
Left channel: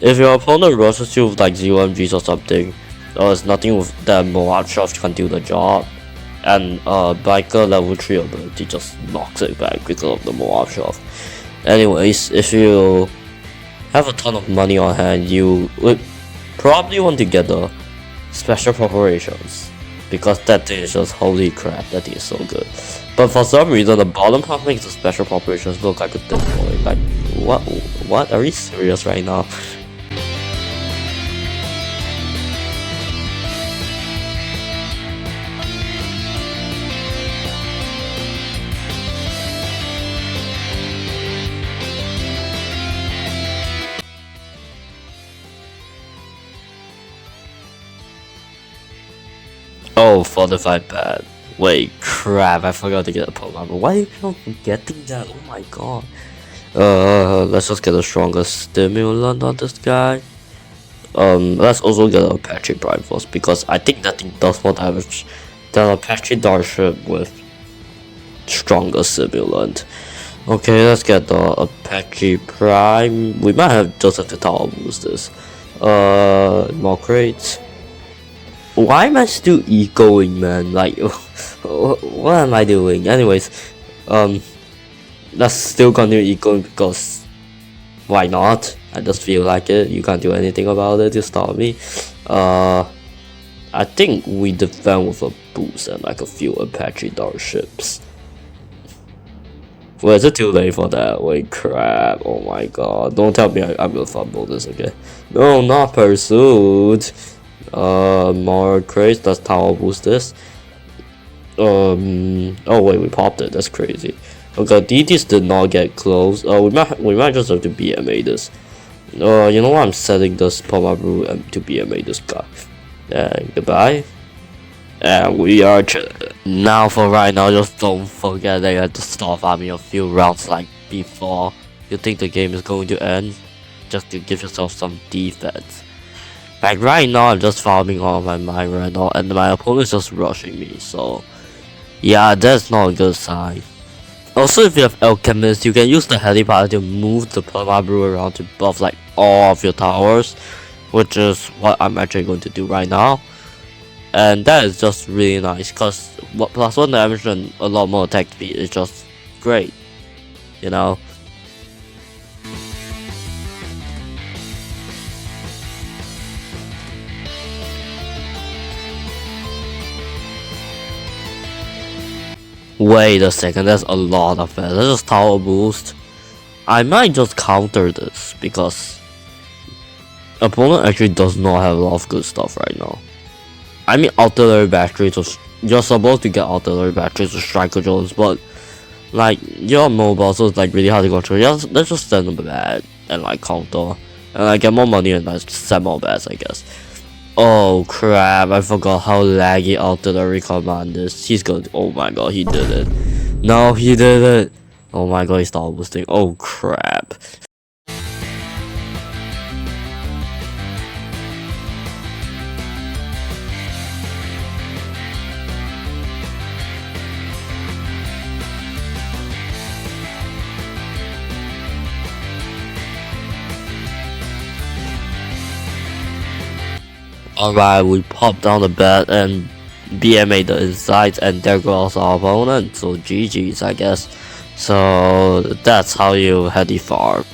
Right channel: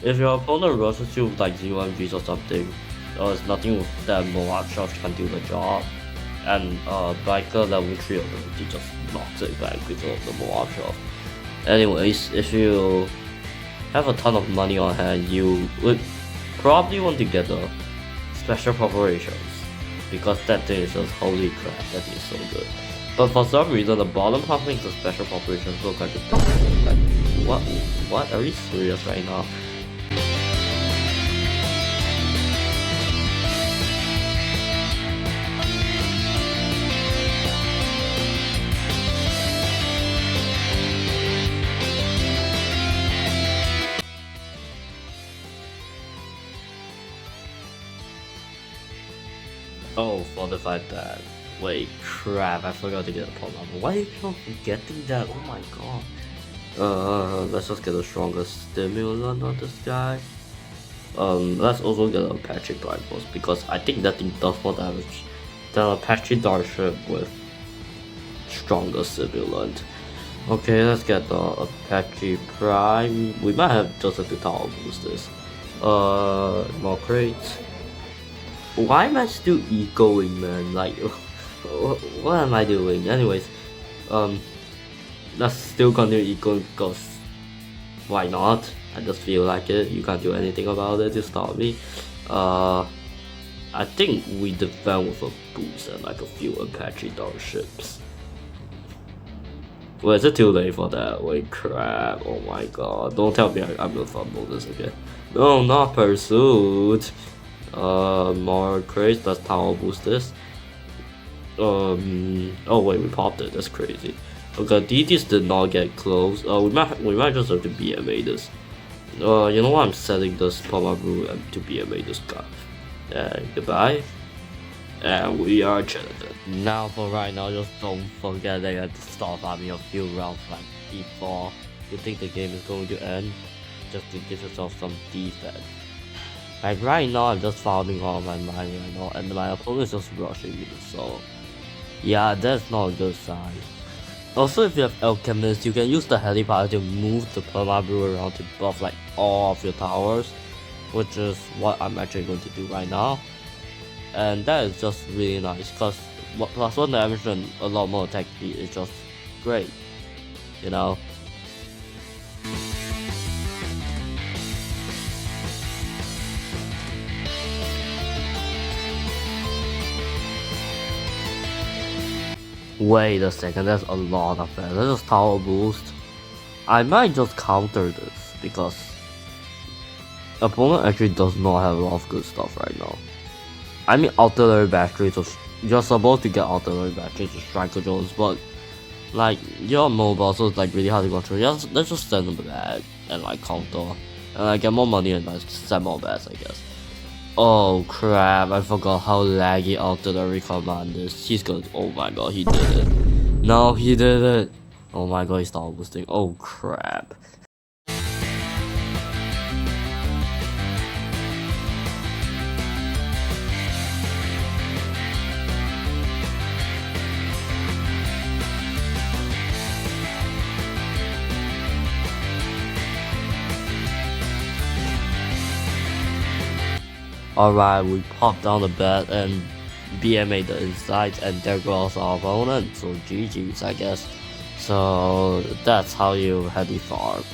If your opponent rushes you with like 0 MGs or something, there's nothing with that Moab shove can do the job. And biker level 3 ability just knocks it back because of the Moab shove. Anyways, if you have a ton of money on hand, you would probably want to get the special preparations, because that thing is just holy crap, that thing is so good. But for some reason, the bottom half makes the special preparations look like a thing. Like, what? Are we serious right now? Oh, fortified pad. Wait, crap, I forgot to get a Pokemon. Why are you forgetting that? Oh my god. Let's just get a stronger stimulant on this guy. Let's also get a Apache Prime Force, because I think that thing does more damage than a Apache Darship with stronger stimulant. Okay, let's get the Apache Prime. We might just have to tower boost this. More crates. Why am I still ecoing, man? Like, what am I doing? Anyways, let's still continue ecoing, because why not? I just feel like it. You can't do anything about it to stop me. I think we defend with a boost and like a few Apache Dart ships. Well, is it too late for that? Wait, crap. Oh my god. Don't tell me I'm gonna fumble this again. No, not pursuit. More crates. Let's tower boost this. Oh wait, we popped it. That's crazy. Okay, DTs did not get close. We might just have to BMA this. You know what? I'm setting this Puma Brew to BMA this guy. Goodbye. And we are chilling. Now for right now, just don't forget that you have to start farming a few rounds like before you think the game is going to end, just to give yourself some defense. Like right now, I'm just farming all my mine right now, and my opponent is just rushing me, so yeah, that's not a good sign. Also, if you have Alchemist, you can use the Heli Farming to move the Perma Brew around to buff like all of your towers, which is what I'm actually going to do right now. And that is just really nice, because +1 damage and a lot more attack speed is just great, you know. Wait a second, that's a lot of that. That's just tower boost. I might just counter this because opponent actually does not have a lot of good stuff right now. I mean, artillery batteries, you're supposed to get artillery batteries or striker drones, but like you're mobile, so it's like really hard to control. Let's just send them bad and like counter, and I get more money and like send more bats, I guess. Oh crap! I forgot how laggy artillery command is. He's going. Oh my god, he did it! No, he did it! Oh my god, he started boosting. Oh crap! Alright, we pop down the bat and BMA the insides, and there goes our opponent, so GG's I guess. So that's how you Heli farm.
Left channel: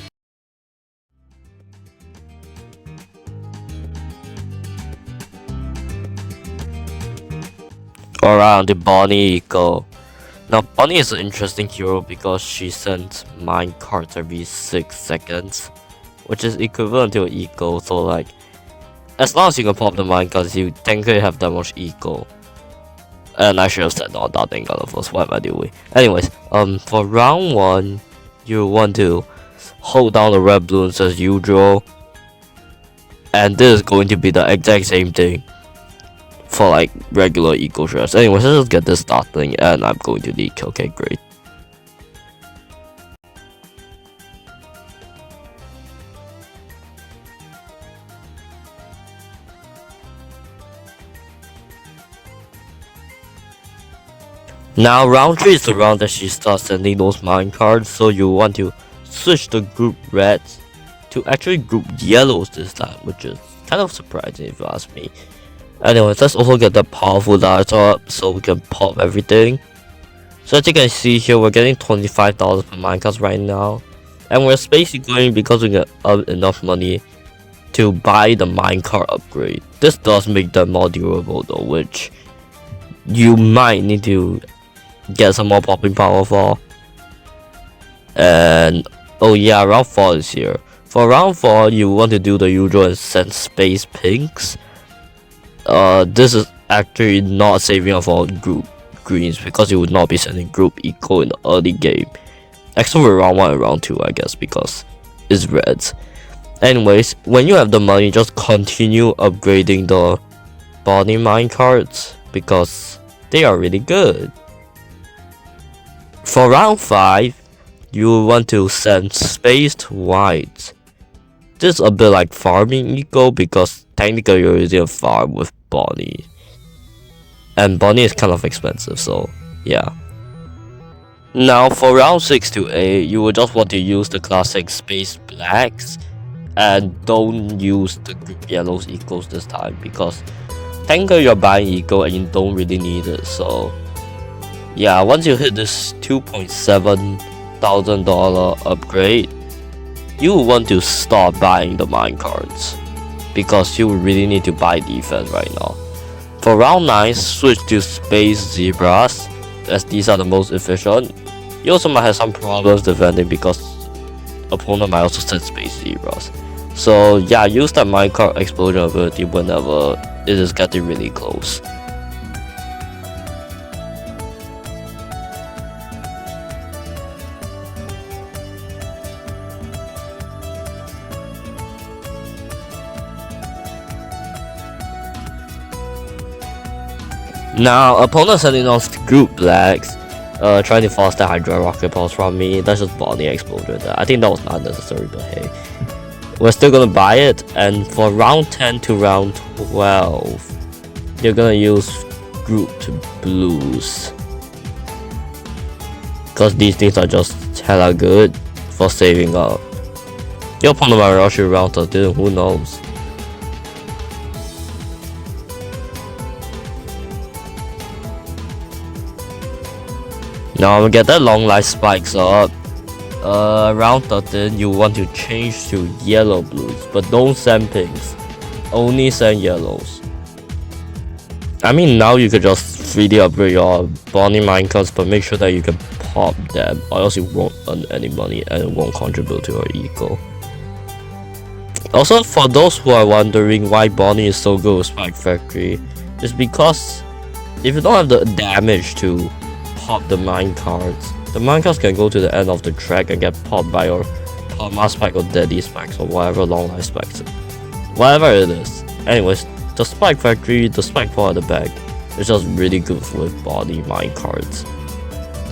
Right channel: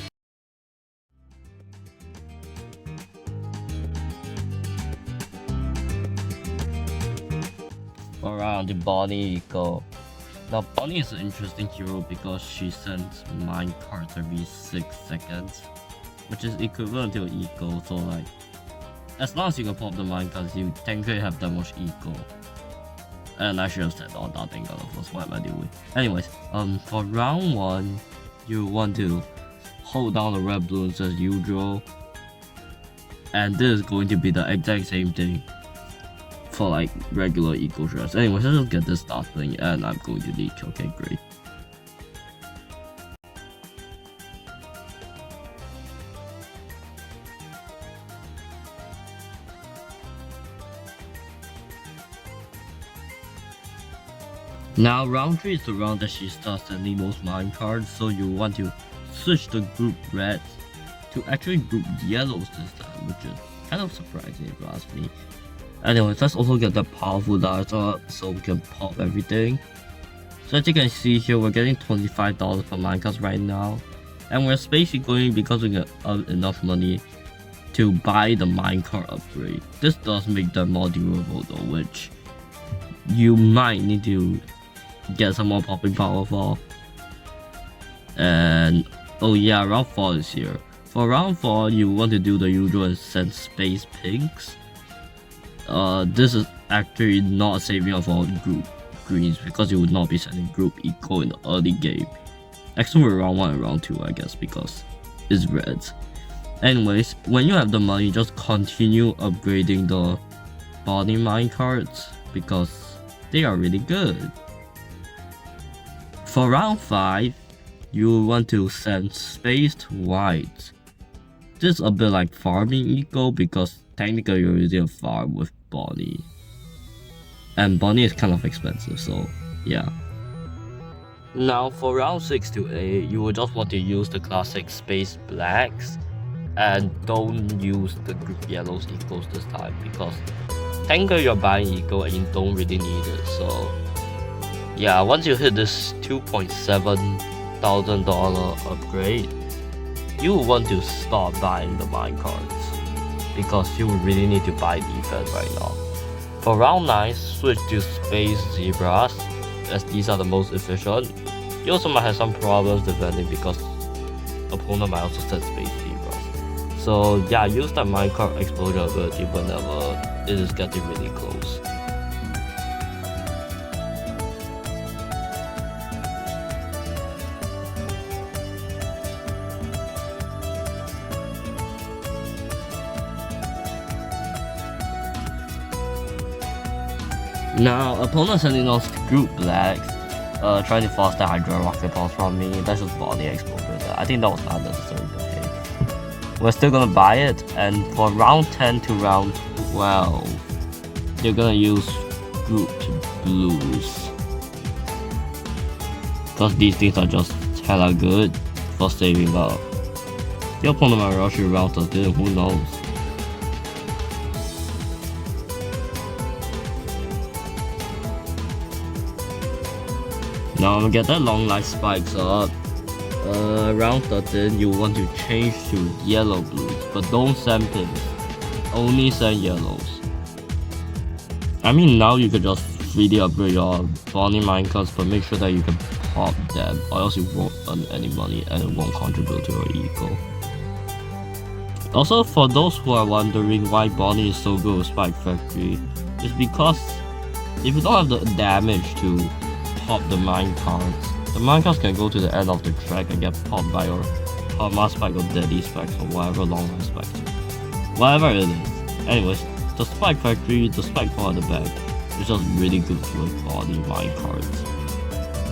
Alright, the Bonnie Eco. Now Bonnie is an interesting hero because she sends mine cards every 6 seconds, which is equivalent to an eco, so like as long as you can pop the mine cards, you technically have that much eco. And I should have said all that thing first. What am I doing? Anyways, for round 1, you want to hold down the red balloons as usual. And this is going to be the exact same thing for like regular eco strats. Anyways, let's just get this starting, and I'm going to leak. Okay, great. Now round 3 is the round that she starts sending those mine cards, so you want to switch the group reds to actually group yellows this time, which is kind of surprising if you ask me. Anyways, let's also get the powerful darts up so we can pop everything. So as you can see here, we're getting 25,000 per minecarts right now, and we're basically going because we get enough money to buy the minecart upgrade. This does make them more durable though, which you might need to get some more popping power for. And oh yeah, round 4 is here. For round 4, you want to do the usual and send space pinks. This is actually not saving up for group greens because you would not be sending group eco in the early game, except for round 1 and round 2 I guess, because it's reds. Anyways, when you have the money, just continue upgrading the body mine cards because they are really good. For round 5, you want to send spaced whites. This is a bit like farming eco because technically you're using a farm with Bonnie. And Bonnie is kind of expensive, so yeah. Now for round 6 to 8, you will just want to use the classic space blacks and don't use the group yellows ecos this time because technically you're buying eco and you don't really need it. So yeah, once you hit this $2,700 upgrade, you want to start buying the mine cards because you really need to buy defense right now. For round 9, switch to Space Zebras, as these are the most efficient. You also might have some problems defending because opponent might also set Space Zebras. So yeah, use that minecart explosion ability whenever it is getting really close. Now, opponent sending on group blacks, trying to force the Hydra rocket pulse from me. That's just body explosion. I think that was not necessary, but hey. We're still gonna buy it, and for round 10 to round 12, you're gonna use grouped blues. Cause these things are just hella good for saving up. Your opponent might rush you round 13, who knows? Now I'm gonna get that long life spikes up. Round 13, you want to change to yellow blues, but don't send pinks. Only send yellows. I mean, now you could just freely upgrade your Bonnie minecarts, but make sure that you can pop them, or else you won't earn any money and it won't contribute to your eco. Also, for those who are wondering why Bonnie is so good with Spike Factory, it's because if you don't have the damage to pop the minecarts, the minecarts can go to the end of the track and get popped by your Palma Spike or Daddy Spikes or whatever long life spikes. Whatever it is. Anyways, the Spike Factory, the Spike part of the bag is just really good for body minecarts,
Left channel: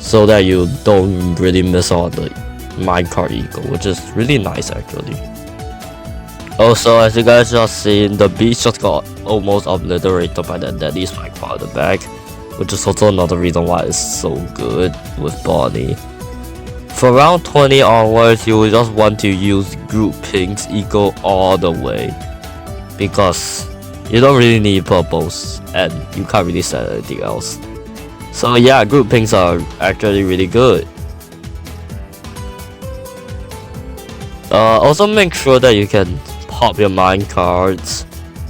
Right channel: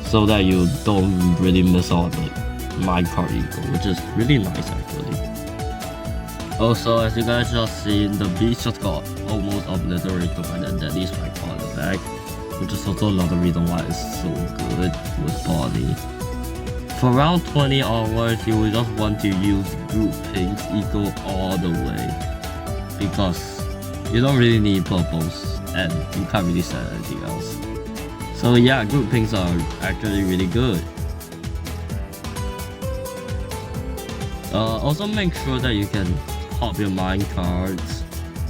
so that you don't really miss out on the minecart eco, which is really nice actually. Also, as you guys just seen, the beast just got almost obliterated by the Daddy Spike part of the bag, which is also another reason why it's so good with body. For round 20 onwards, you will just want to use group pinks eco all the way, because you don't really need purples and you can't really sell anything else. So yeah, group pinks are actually really good. Also make sure that you can pop your mine cards.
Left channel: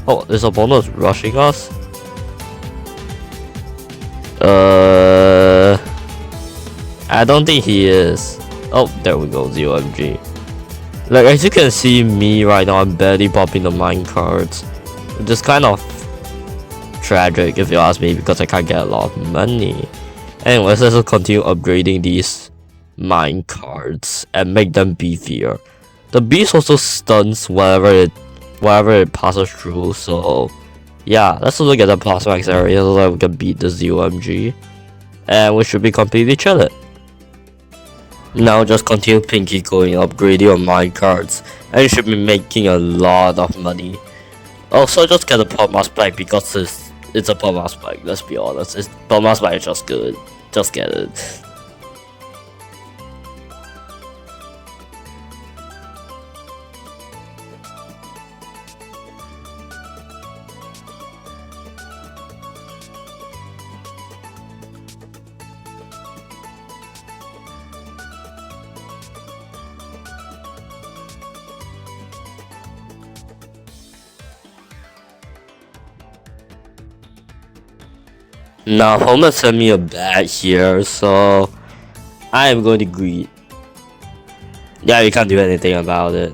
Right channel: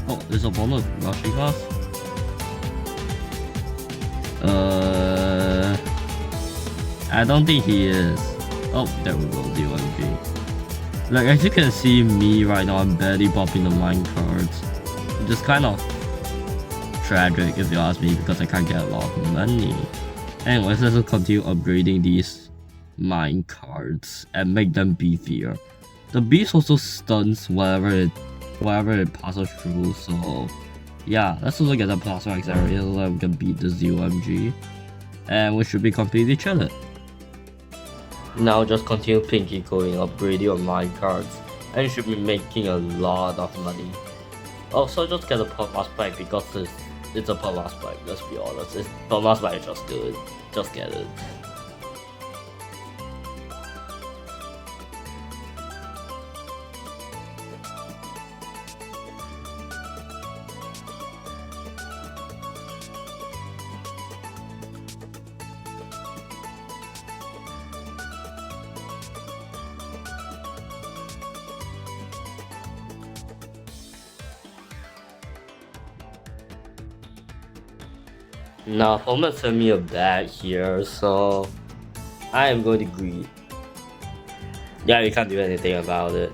Oh, this opponent is rushing us. I don't think he is. Oh, there we go, ZOMG. Like, as you can see me right now, I'm barely popping the mine cards. Which is kind of tragic if you ask me, because I can't get a lot of money. Anyways, let's just continue upgrading these mine cards and make them beefier. The beast also stuns wherever it passes through, so yeah, let's also get the Plasmax area so that we can beat the ZOMG. And we should be completely chilling. Now just continue pinky going, upgrading your mine cards, and you should be making a lot of money. Also, just get a Palma Spike because it's a Palma Spike, let's be honest. Palma Spike is just good. Just get it. Now, opponent sent me a bat here, so I am going to greet. Yeah, you can't do anything about it.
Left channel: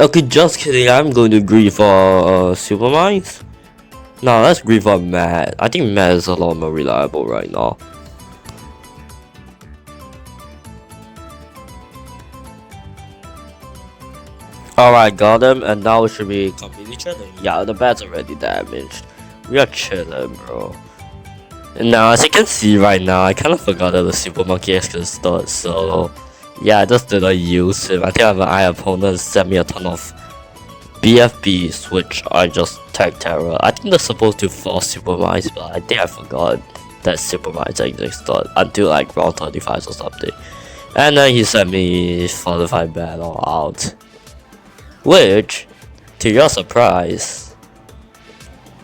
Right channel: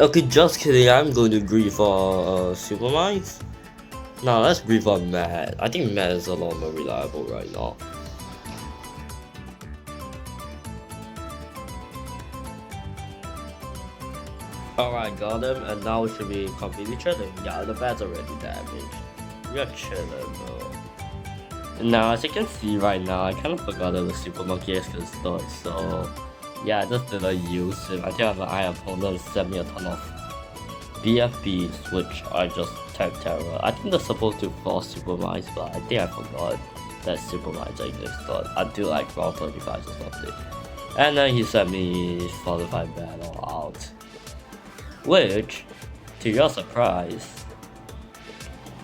Okay, just kidding. I'm going to greet for Super Mines. No, let's greet for Matt. I think Matt is a lot more reliable right now. Alright, got him, and now we should be completely chilling. Yeah, the bat's already damaged. We are chilling, bro. And now, as you can see right now, I kind of forgot that the Super Monkey X could start, so yeah, I just didn't use him. I think my opponent sent me a ton of BFBs, which I just tagged terror. I think they're supposed to force Super Mines, but I think I forgot that Super Mines existed until like round 35 or something. And then he sent me Fortified Battle out, which, to your surprise,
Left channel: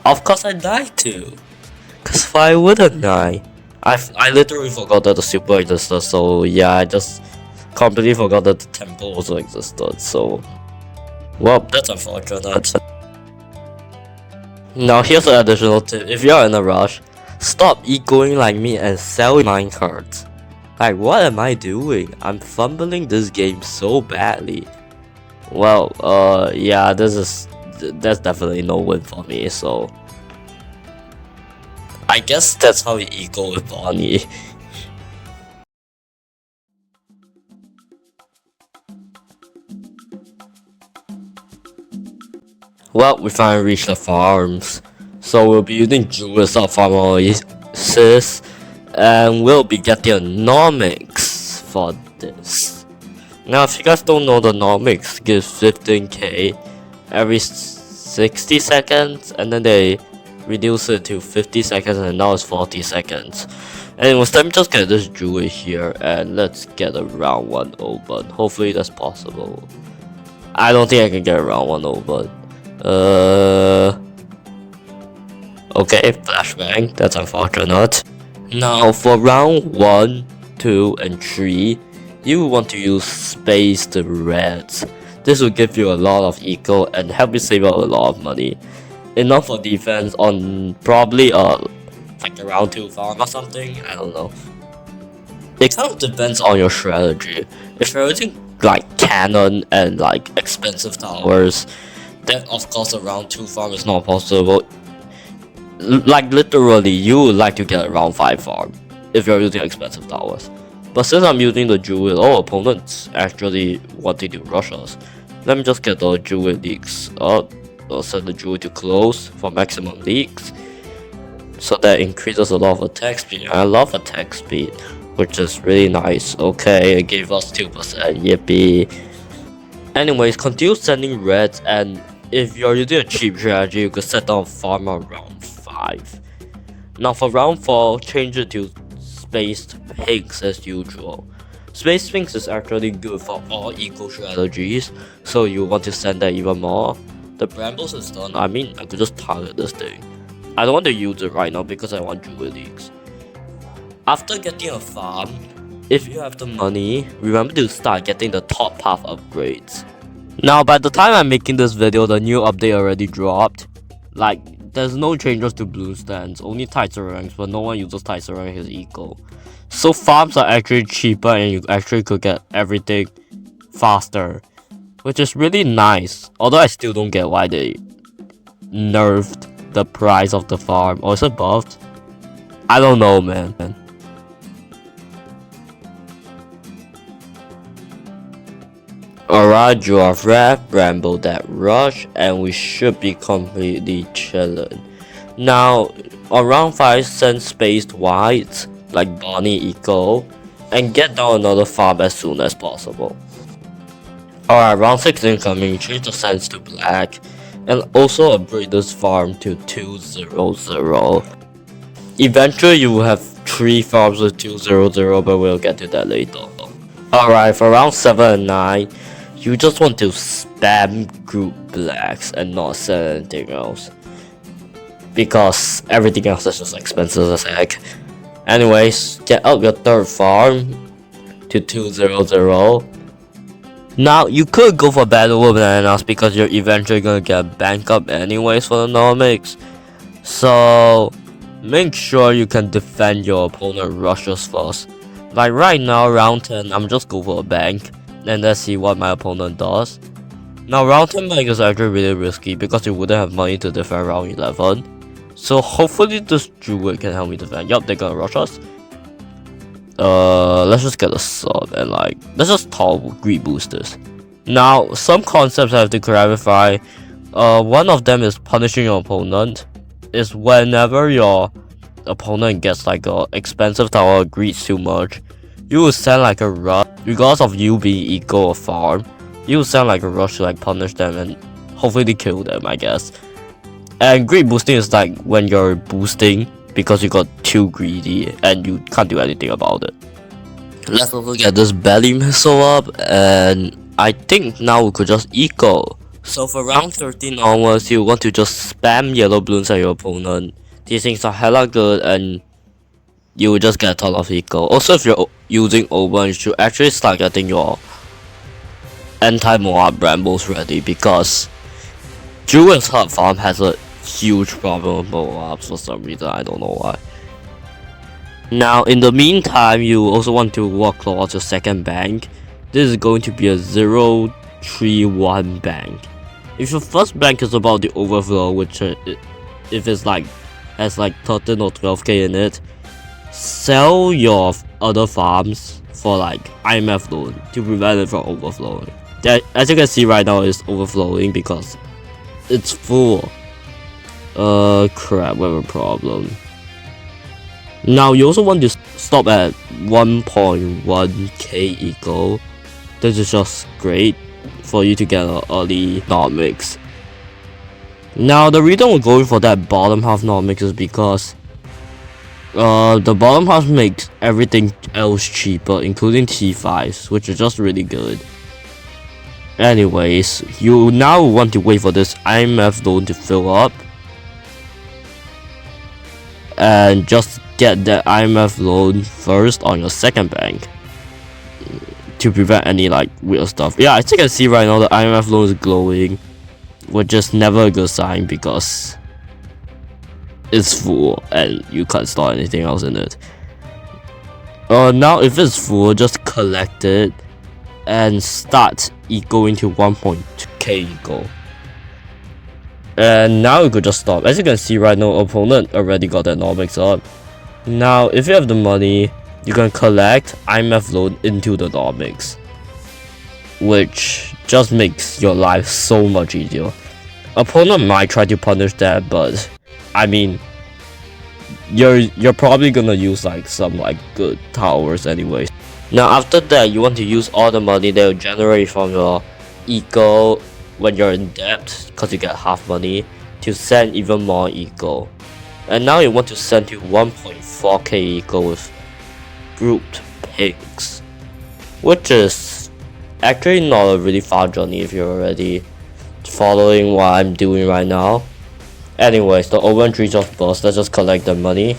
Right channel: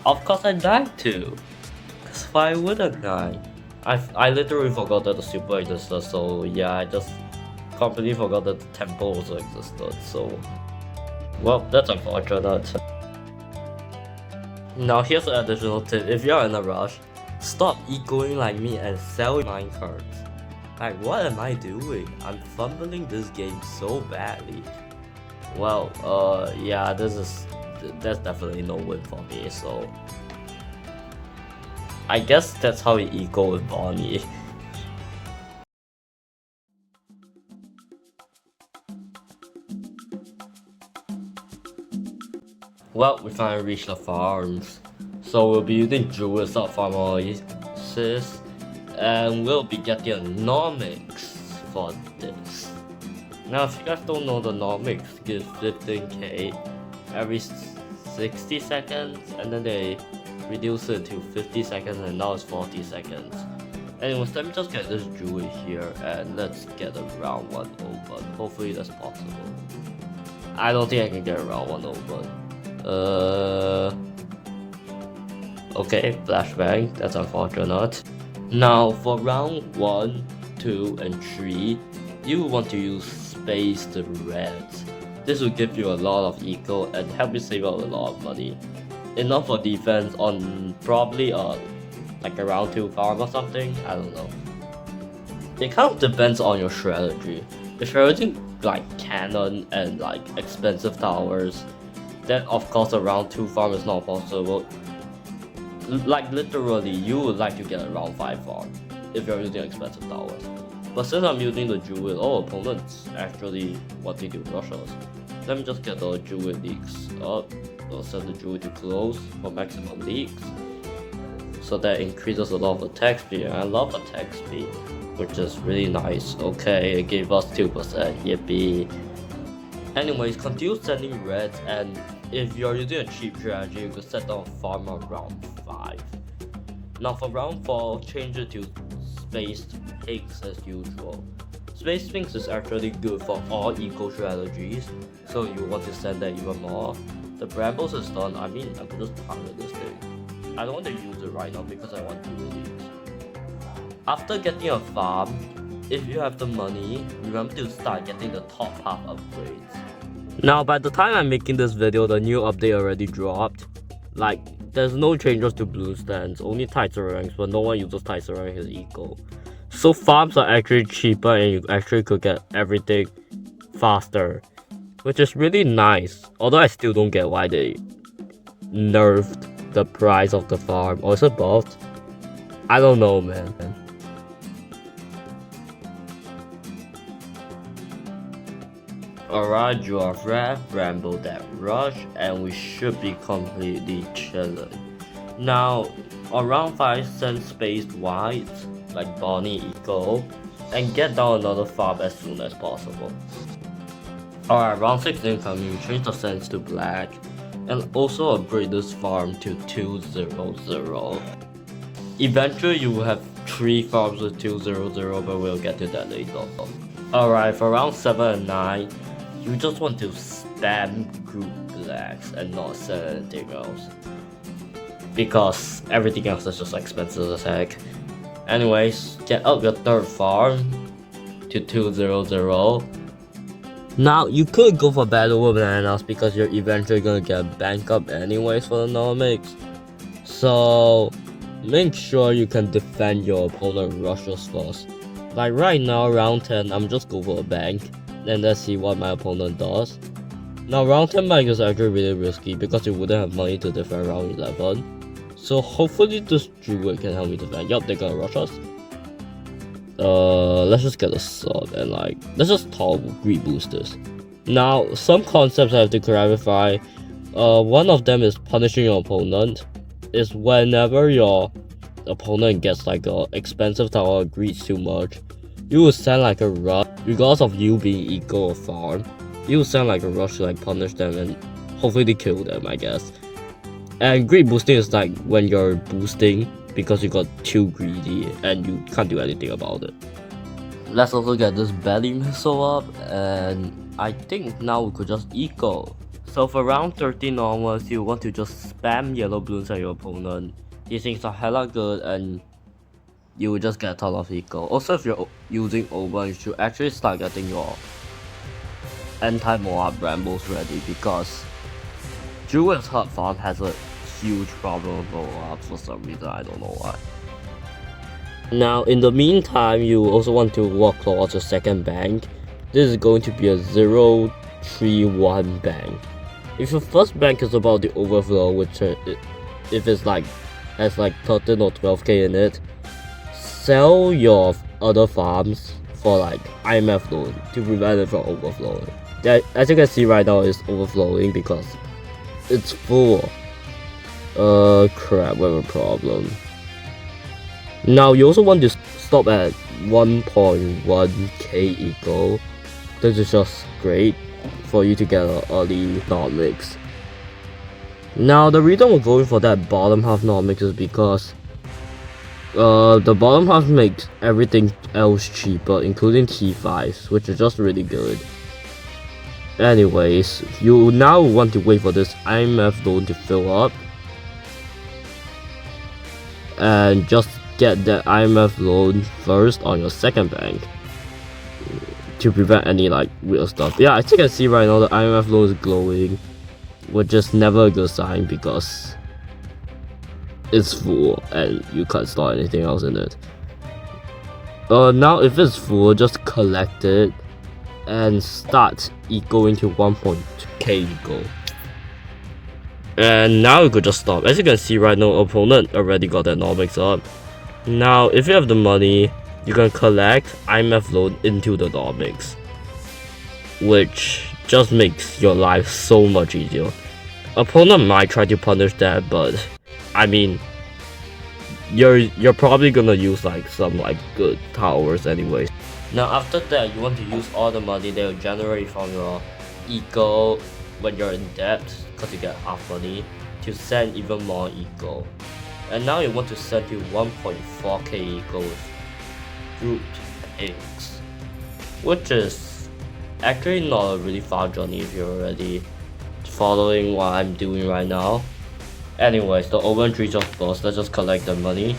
of course I died too. Cause why wouldn't I? I literally forgot that the super existed, so yeah, I just completely forgot that the temple also existed, so well, that's unfortunate. Now here's an additional tip, if you're in a rush, stop ecoing like me and sell minecarts. Like, what am I doing? I'm fumbling this game so badly. Well, yeah, that's definitely no win for me, so I guess that's how you eco with Bonnie. Well, we finally reached the farms. So we'll be using Julius our farm oasis, and we'll be getting nomics for this. Now, if you guys don't know, the nomics gives 15k every 60 seconds, and then they reduce it to 50 seconds, and now it's 40 seconds. Anyways, let me just get this jewelry here, and let's get a round 1 open. Hopefully that's possible. I don't think I can get a round 1 open. Okay, flashbang, that's unfortunate. Now for round 1, 2, and 3, you want to use spaced reds. This will give you a lot of eco and help you save up a lot of money. Enough for defense on probably like a round 2 farm or something, I don't know. It kind of depends on your strategy. If you're using like cannon and like expensive towers, then of course a round 2 farm is not possible. Like literally, you would like to get a round 5 farm if you're using expensive towers. But since I'm using the jewel, all opponents actually wanting to rush us. Let me just get the jewel leaks up. I'll set the jewel to close for maximum leaks, so that increases a lot of attack speed. I love attack speed, which is really nice. Okay, it gave us 2%, yippee. Anyways, continue sending reds, and if you're using a cheap strategy, you could set down farm around 5. Now for round 4, change it to spaced pinks as usual. Spaced pinks is actually good for all eco strategies, so you want to send that even more. The brambles is done. I mean, I could just target this thing. I don't want to use it right now because I want jewel leaks. After getting a farm, if you have the money, remember to start getting the top path upgrades. Now by the time I'm making this video, the new update already dropped. Like, there's no changes to blue stands, only tighter ranks, but no one uses tighter ranks as eco. So farms are actually cheaper and you actually could get everything faster, which is really nice. Although I still don't get why they nerfed the price of the farm, or is it buffed? I don't know, man. Alright, Giraffe, Bramble that rush, and we should be completely chilling. Now, on round 5, send spaced whites, like Bonnie Eco, and get down another farm as soon as possible. Alright, round 6 incoming, change the sands to black, and also upgrade this farm to 200. Eventually you will have 3 farms with 200, but we'll get to that later. Alright, for round 7 and 9, you just want to spam group blacks and not sell anything else, because everything else is just expensive as heck. Anyways, get up your 3rd farm to 200. Now you could go for battle with bananas because you're eventually gonna get bank up anyways for the nomics. So make sure you can defend your opponent rushes first. Like right now, round 10, I'm just go for a bank, and let's see what my opponent does. Now round 10 bank is actually really risky because you wouldn't have money to defend round 11. So hopefully this jewel can help me defend. Yup, they're gonna rush us. Let's just get a sub and like, let's just toggle greed boosters. Now, some concepts I have to clarify. One of them is punishing your opponent. Is whenever your opponent gets like a expensive tower or greeds too much, you will send like a rush. Regardless of you being eco or farm, you will send like a rush to like punish them and hopefully kill them, I guess. And greed boosting is like when you're boosting because you got too greedy and you can't do anything about it. Let's also get this belly missile up, and I think now we could just eco. So for round 13 onwards, you want to just spam yellow balloons at your opponent. These things are hella good and you will just get a ton of eco. Also, if you're using Oban, you should actually start getting your anti-Moab brambles ready, because Druid's Hut farm has a huge problem with mobile apps for some reason, I don't know why. Now, in the meantime, you also want to work towards your second bank. This is going to be a 031 bank. If your first bank is about the overflow, which if it's like has like 13 or 12k in it, sell your other farms for like IMF loan to prevent it from overflowing. That, as you can see right now, is overflowing because it's full. Crap, we have a problem. Now you also want to stop at 1.1k eco. This is just great for you to get an early not mix. Now the reason we're going for that bottom half not mix is because the bottom half makes everything else cheaper, including T5s, which is just really good. Anyways, you now want to wait for this IMF loan to fill up and just get the IMF loan first on your second bank to prevent any like weird stuff. Yeah, as you can see right now, the IMF loan is glowing, which is never a good sign because it's full and you can't store anything else in it. Now if it's full, just collect it and start ecoing to 1.2k eco. And now you could just stop. As you can see right now, opponent already got that Nomics up. Now if you have the money, you can collect IMF loan into the Nomics, which just makes your life so much easier. Opponent might try to punish that, but I mean, you're probably gonna use like some like good towers anyways. Now after that, you want to use all the money that you generate from your eco when you're in debt, because you get half money, to send even more eco. And now you want to send to 1.4k eco with grouped pigs, which is actually not a really far journey if you're already following what I'm doing right now. Anyways, the open tree just burst. Let's just collect the money.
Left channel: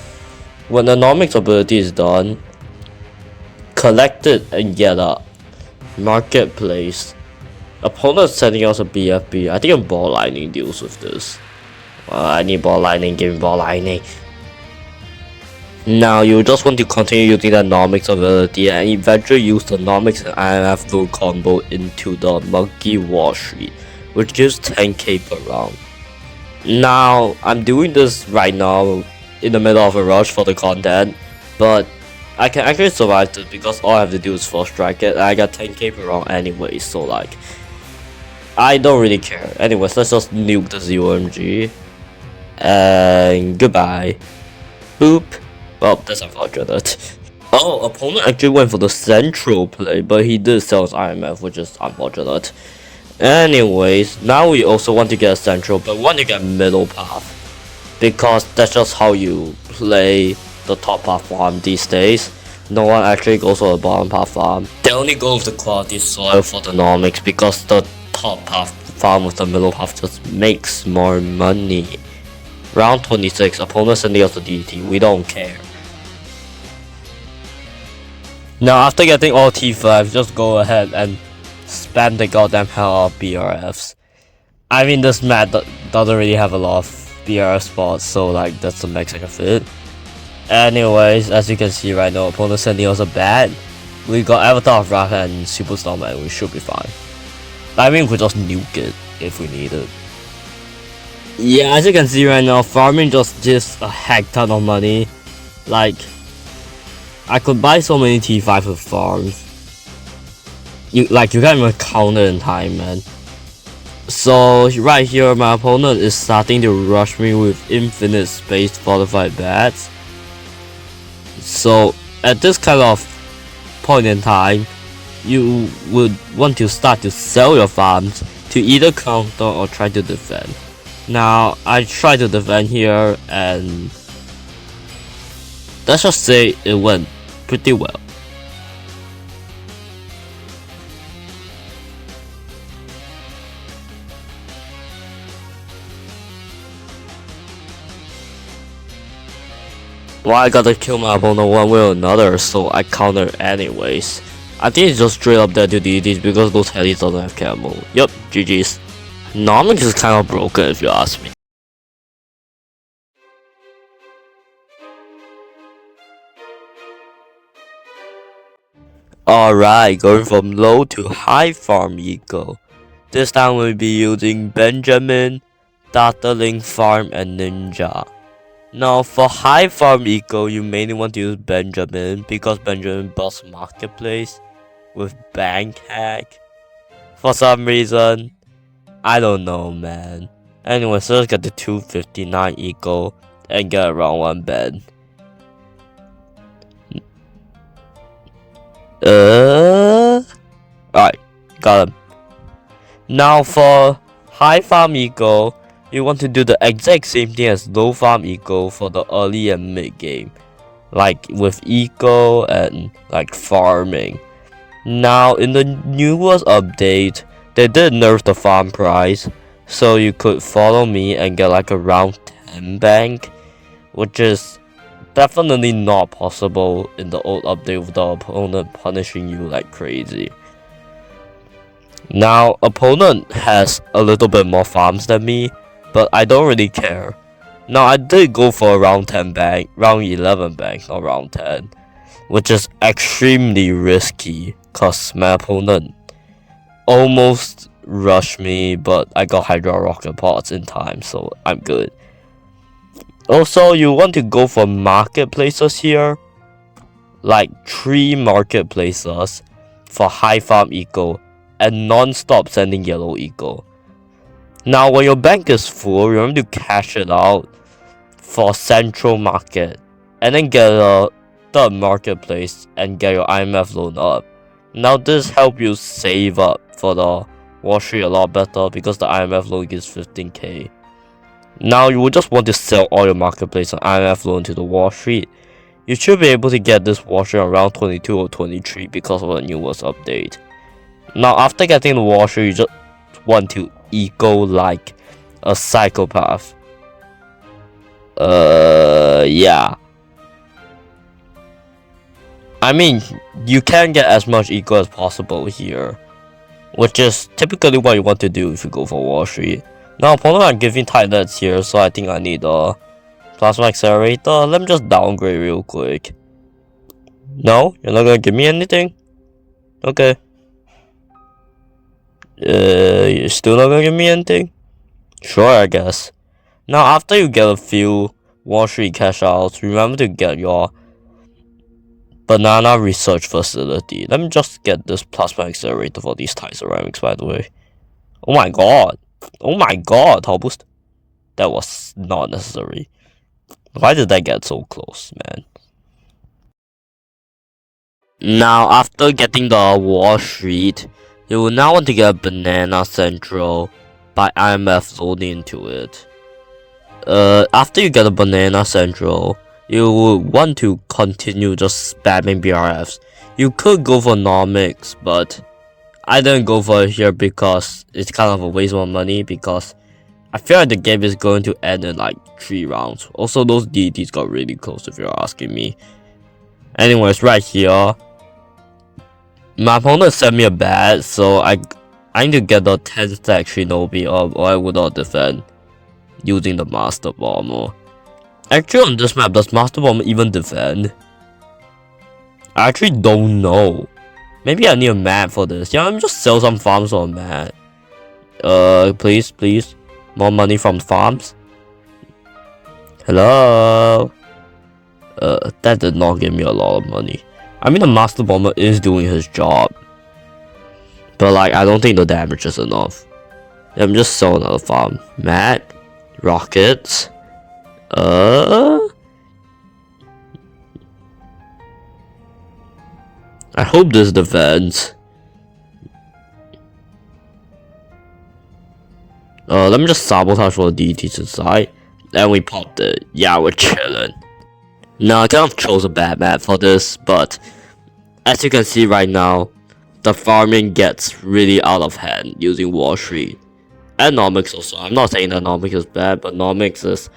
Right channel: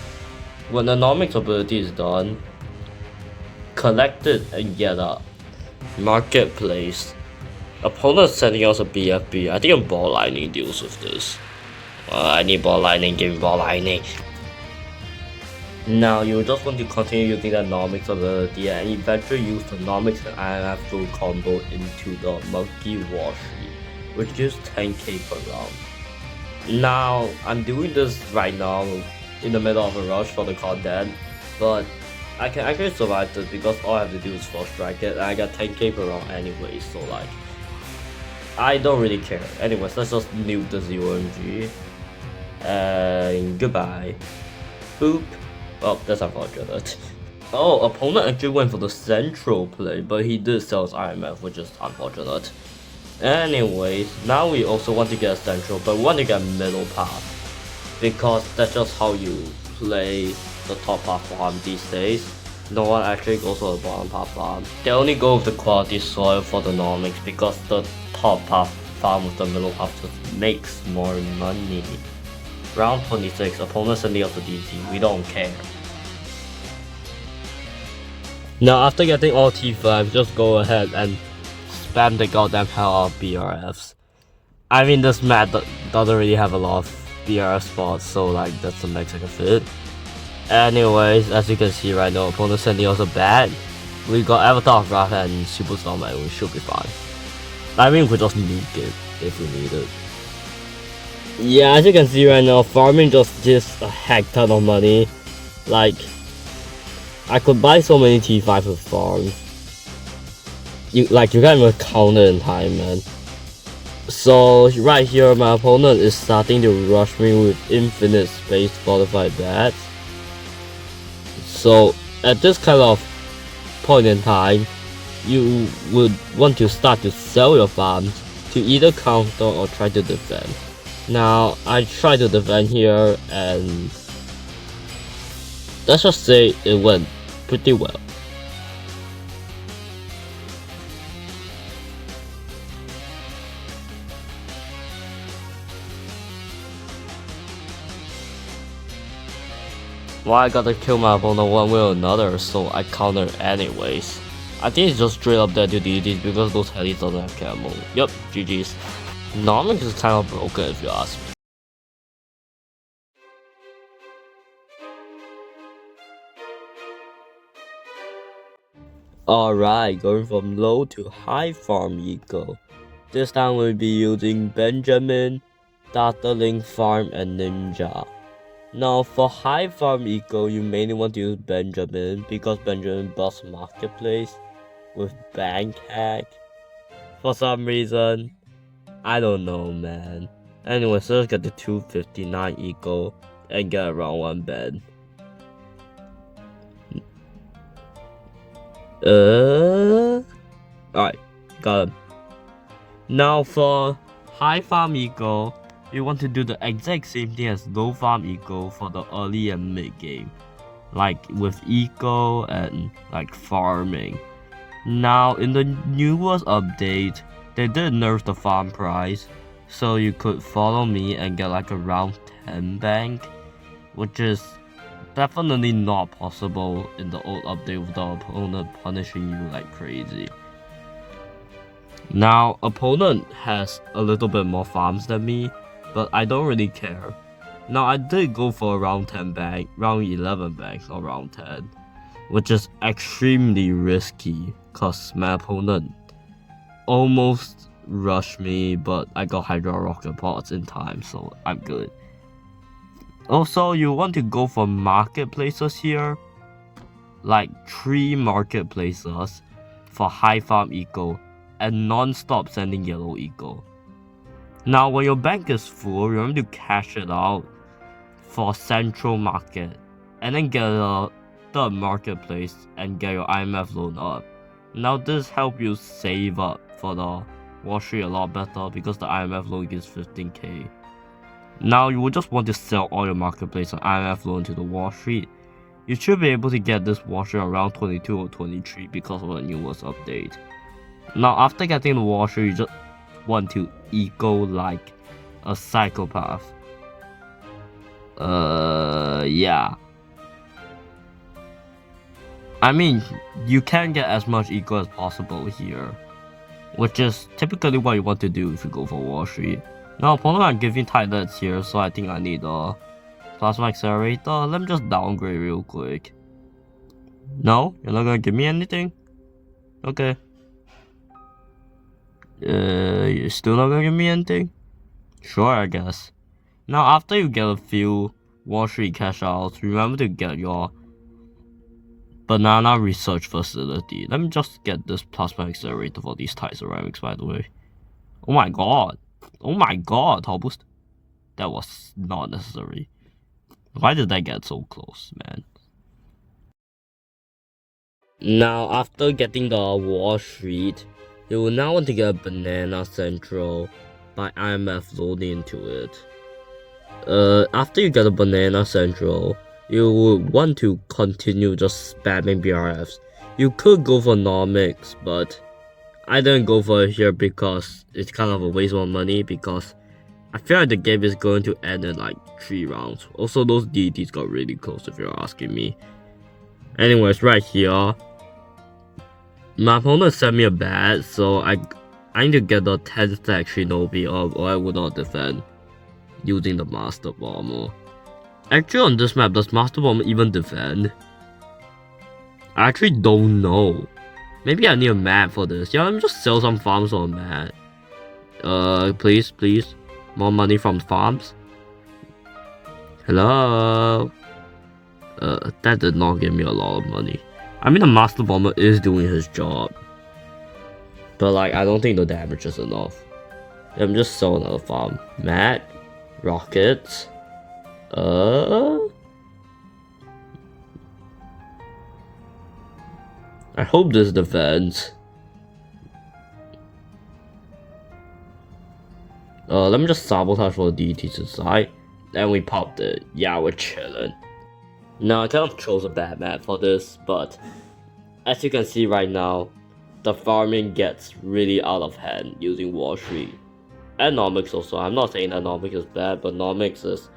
When the Nomics ability is done, collect it and get a marketplace. Opponent sending us a BFB. I think a ball lightning deals with this. I need ball lightning, give me ball lightning. Now you just want to continue using the Nomics ability and eventually use the Nomics and IMF loan combo into the Monkey Wall Street, which gives 10k per round. Now I'm doing this right now in the middle of a rush for the content, but I can actually survive this because all I have to do is first strike it and I got 10k per round anyway, so like I don't really care. Anyways, let's just nuke the 0mg and goodbye. Boop. Well, that's unfortunate. Oh, opponent actually went for the central play, but he did sell his IMF, which is unfortunate. Anyways, now we also want to get a central, but we want to get middle path, because that's just how you play the top path farm these days. No one actually goes for the bottom path farm. They only go with the quality soil for the Nomics because the top path farm with the middle path just makes more money. Round 26, opponent sending us a DT, we don't care. Now after getting all T5s, just go ahead and spam the goddamn hell out of BRFs. I mean, this map doesn't really have a lot of BRF spots, so like that's the max I can fit. Anyways, as you can see right now, opponent sending us a bat. We got Avatar of Wrath and Superstar Man, we should be fine. I mean, we could just nuke it if we need it. Yeah, as you can see right now, farming just gives a heck ton of money. Like, I could buy so many T5 with farms. You can't even count it in time, man. So right here, my opponent is starting to rush me with infinite space fortified bats. So at this kind of point in time, you would want to start to sell your farms to either counter or try to defend. Now I try to defend here, and let's just say it went pretty well. Well, I gotta kill my opponent one way or another, so I counter anyways. I think it's just straight up dead to DDs because those helis don't have camo. Yup, GG's. Nomics is kinda broken if you ask me. Alright, going from low to high farm eco. This time we'll be using Benjamin, Dartling Farm, and Ninja. Now for high farm eco, you mainly want to use Benjamin because Benjamin builds marketplace with bank hack. For some reason, I don't know, man. Anyway, so let's get the 259 eco and get around 1 bed. Alright, got him. Now for high farm eco, you want to do the exact same thing as low farm eco for the early and mid game, like with eco and like farming. Now in the newest update, they did nerf the farm price, so you could follow me and get like a round 10 bank, which is definitely not possible in the old update with the opponent punishing you like crazy. Now, opponent has a little bit more farms than me, but I don't really care. Now, I did go for a round 10 bank, round 11 bank, not round 10, which is extremely risky, cause my opponent almost rushed me, but I got Hydra Rocket Pods in time, so I'm good. Also, you want to go for marketplaces here, like 3 marketplaces for high farm eco and non-stop sending yellow eco. Now when your bank is full, remember to cash it out for central market and then get a third marketplace and get your IMF loan up. Now this helps you save up for the Wall Street a lot better because the IMF loan gives 15k. Now you will just want to sell all your marketplace and IMF loan to the Wall Street. You should be able to get this Wall Street around 22 or 23 because of the newest update. Now after getting the Wall Street, you just want to eco like a psychopath. Yeah. I mean, you can get as much eco as possible here, which is typically what you want to do if you go for Wall Street. Now opponent are giving tight nets here, so I think I need a plasma accelerator. Let me just downgrade real quick. No? You're not gonna give me anything? Okay. You're still not gonna give me anything? Sure, I guess. Now after you get a few Wall Street cash outs, remember to get your banana research facility. Let me just get this plasma accelerator for these tie ceramics, by the way. Oh my god. Oh my god, how boost? That was not necessary. Why did I get so close, man? Now, after getting the Wall Street, you will now want to get a Banana Central by IMF loading into it. After you get a Banana Central, you would want to continue just spamming BRFs. You could go for Nomics, but I didn't go for it here because it's kind of a waste of money because I feel like the game is going to end in like 3 rounds. Also, those DDs got really close if you're asking me. Anyways, right here, my opponent sent me a bat, so I need to get the 10 stack Shinobi up or I would not defend using the Master Bomber. Actually, on this map, does Master Bomber even defend? I actually don't know. Maybe I need a map for this. Yeah, let me just sell some farms on that. Please. More money from farms. Hello? That did not give me a lot of money. I mean, the Master Bomber is doing his job. But, like, I don't think the damage is enough. Let me just sell another farm. Mat. Rockets. I hope this defends. Let me just sabotage all the DTs inside. And we popped it. Yeah, we're chilling. Now, I kind of chose a bad map for this, but as you can see right now, the farming gets really out of hand using Wall Street. And Nomics also. I'm not saying that Nomics is bad, but Nomics is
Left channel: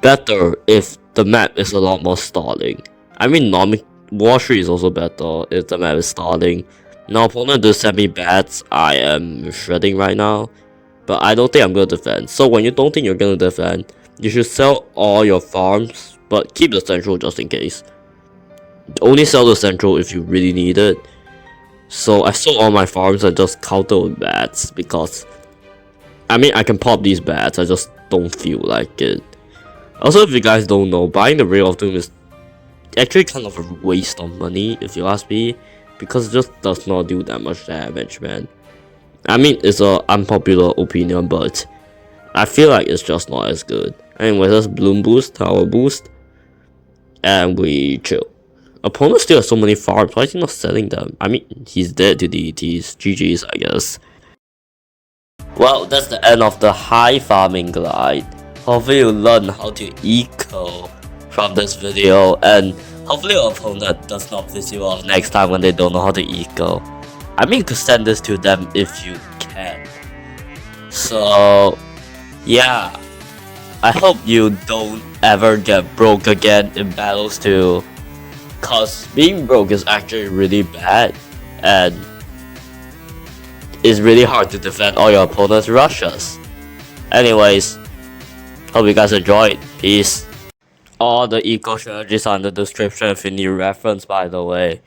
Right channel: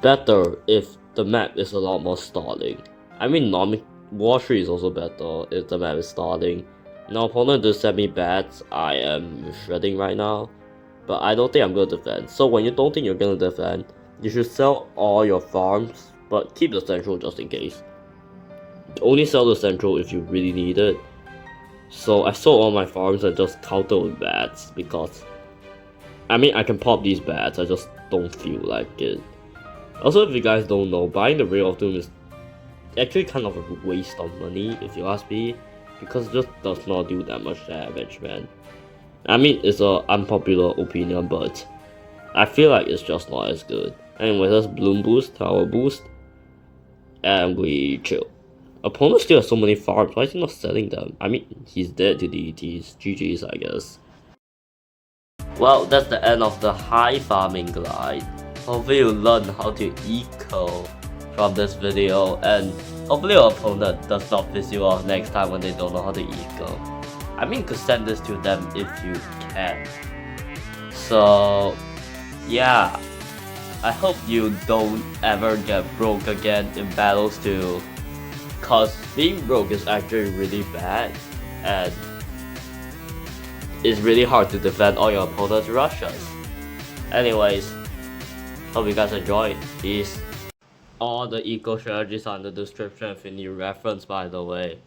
better if the map is a lot more stalling. I mean, Wall Street is also better if the map is stalling. Now, opponent does send me bats. I am shredding right now, but I don't think I'm gonna defend. So when you don't think you're gonna defend, you should sell all your farms, but keep the central just in case. Only sell the central if you really need it. So I sold all my farms and just counter with bats because I mean I can pop these bats, I just don't feel like it. Also, if you guys don't know, buying the Ray of Doom is actually kind of a waste of money if you ask me, because it just does not do that much damage, man. I mean, it's an unpopular opinion, but I feel like it's just not as good. Anyway, let's Bloom boost, Tower boost, and we chill. Opponent still has so many farms, why is he not selling them? I mean, he's dead to deities, GG's I guess. Well, that's the end of the high farming glide. Hopefully you learn how to eco from this video, and hopefully your opponent does not piss you off next time when they don't know how to eco. I mean, you could send this to them if you can. So, yeah. I hope you don't ever get broke again in battles too. Cause being broke is actually really bad, and it's really hard to defend all your opponent's rushes. Anyways, hope you guys enjoyed. Peace. All the eco strategies are in the description if you need reference, by the way.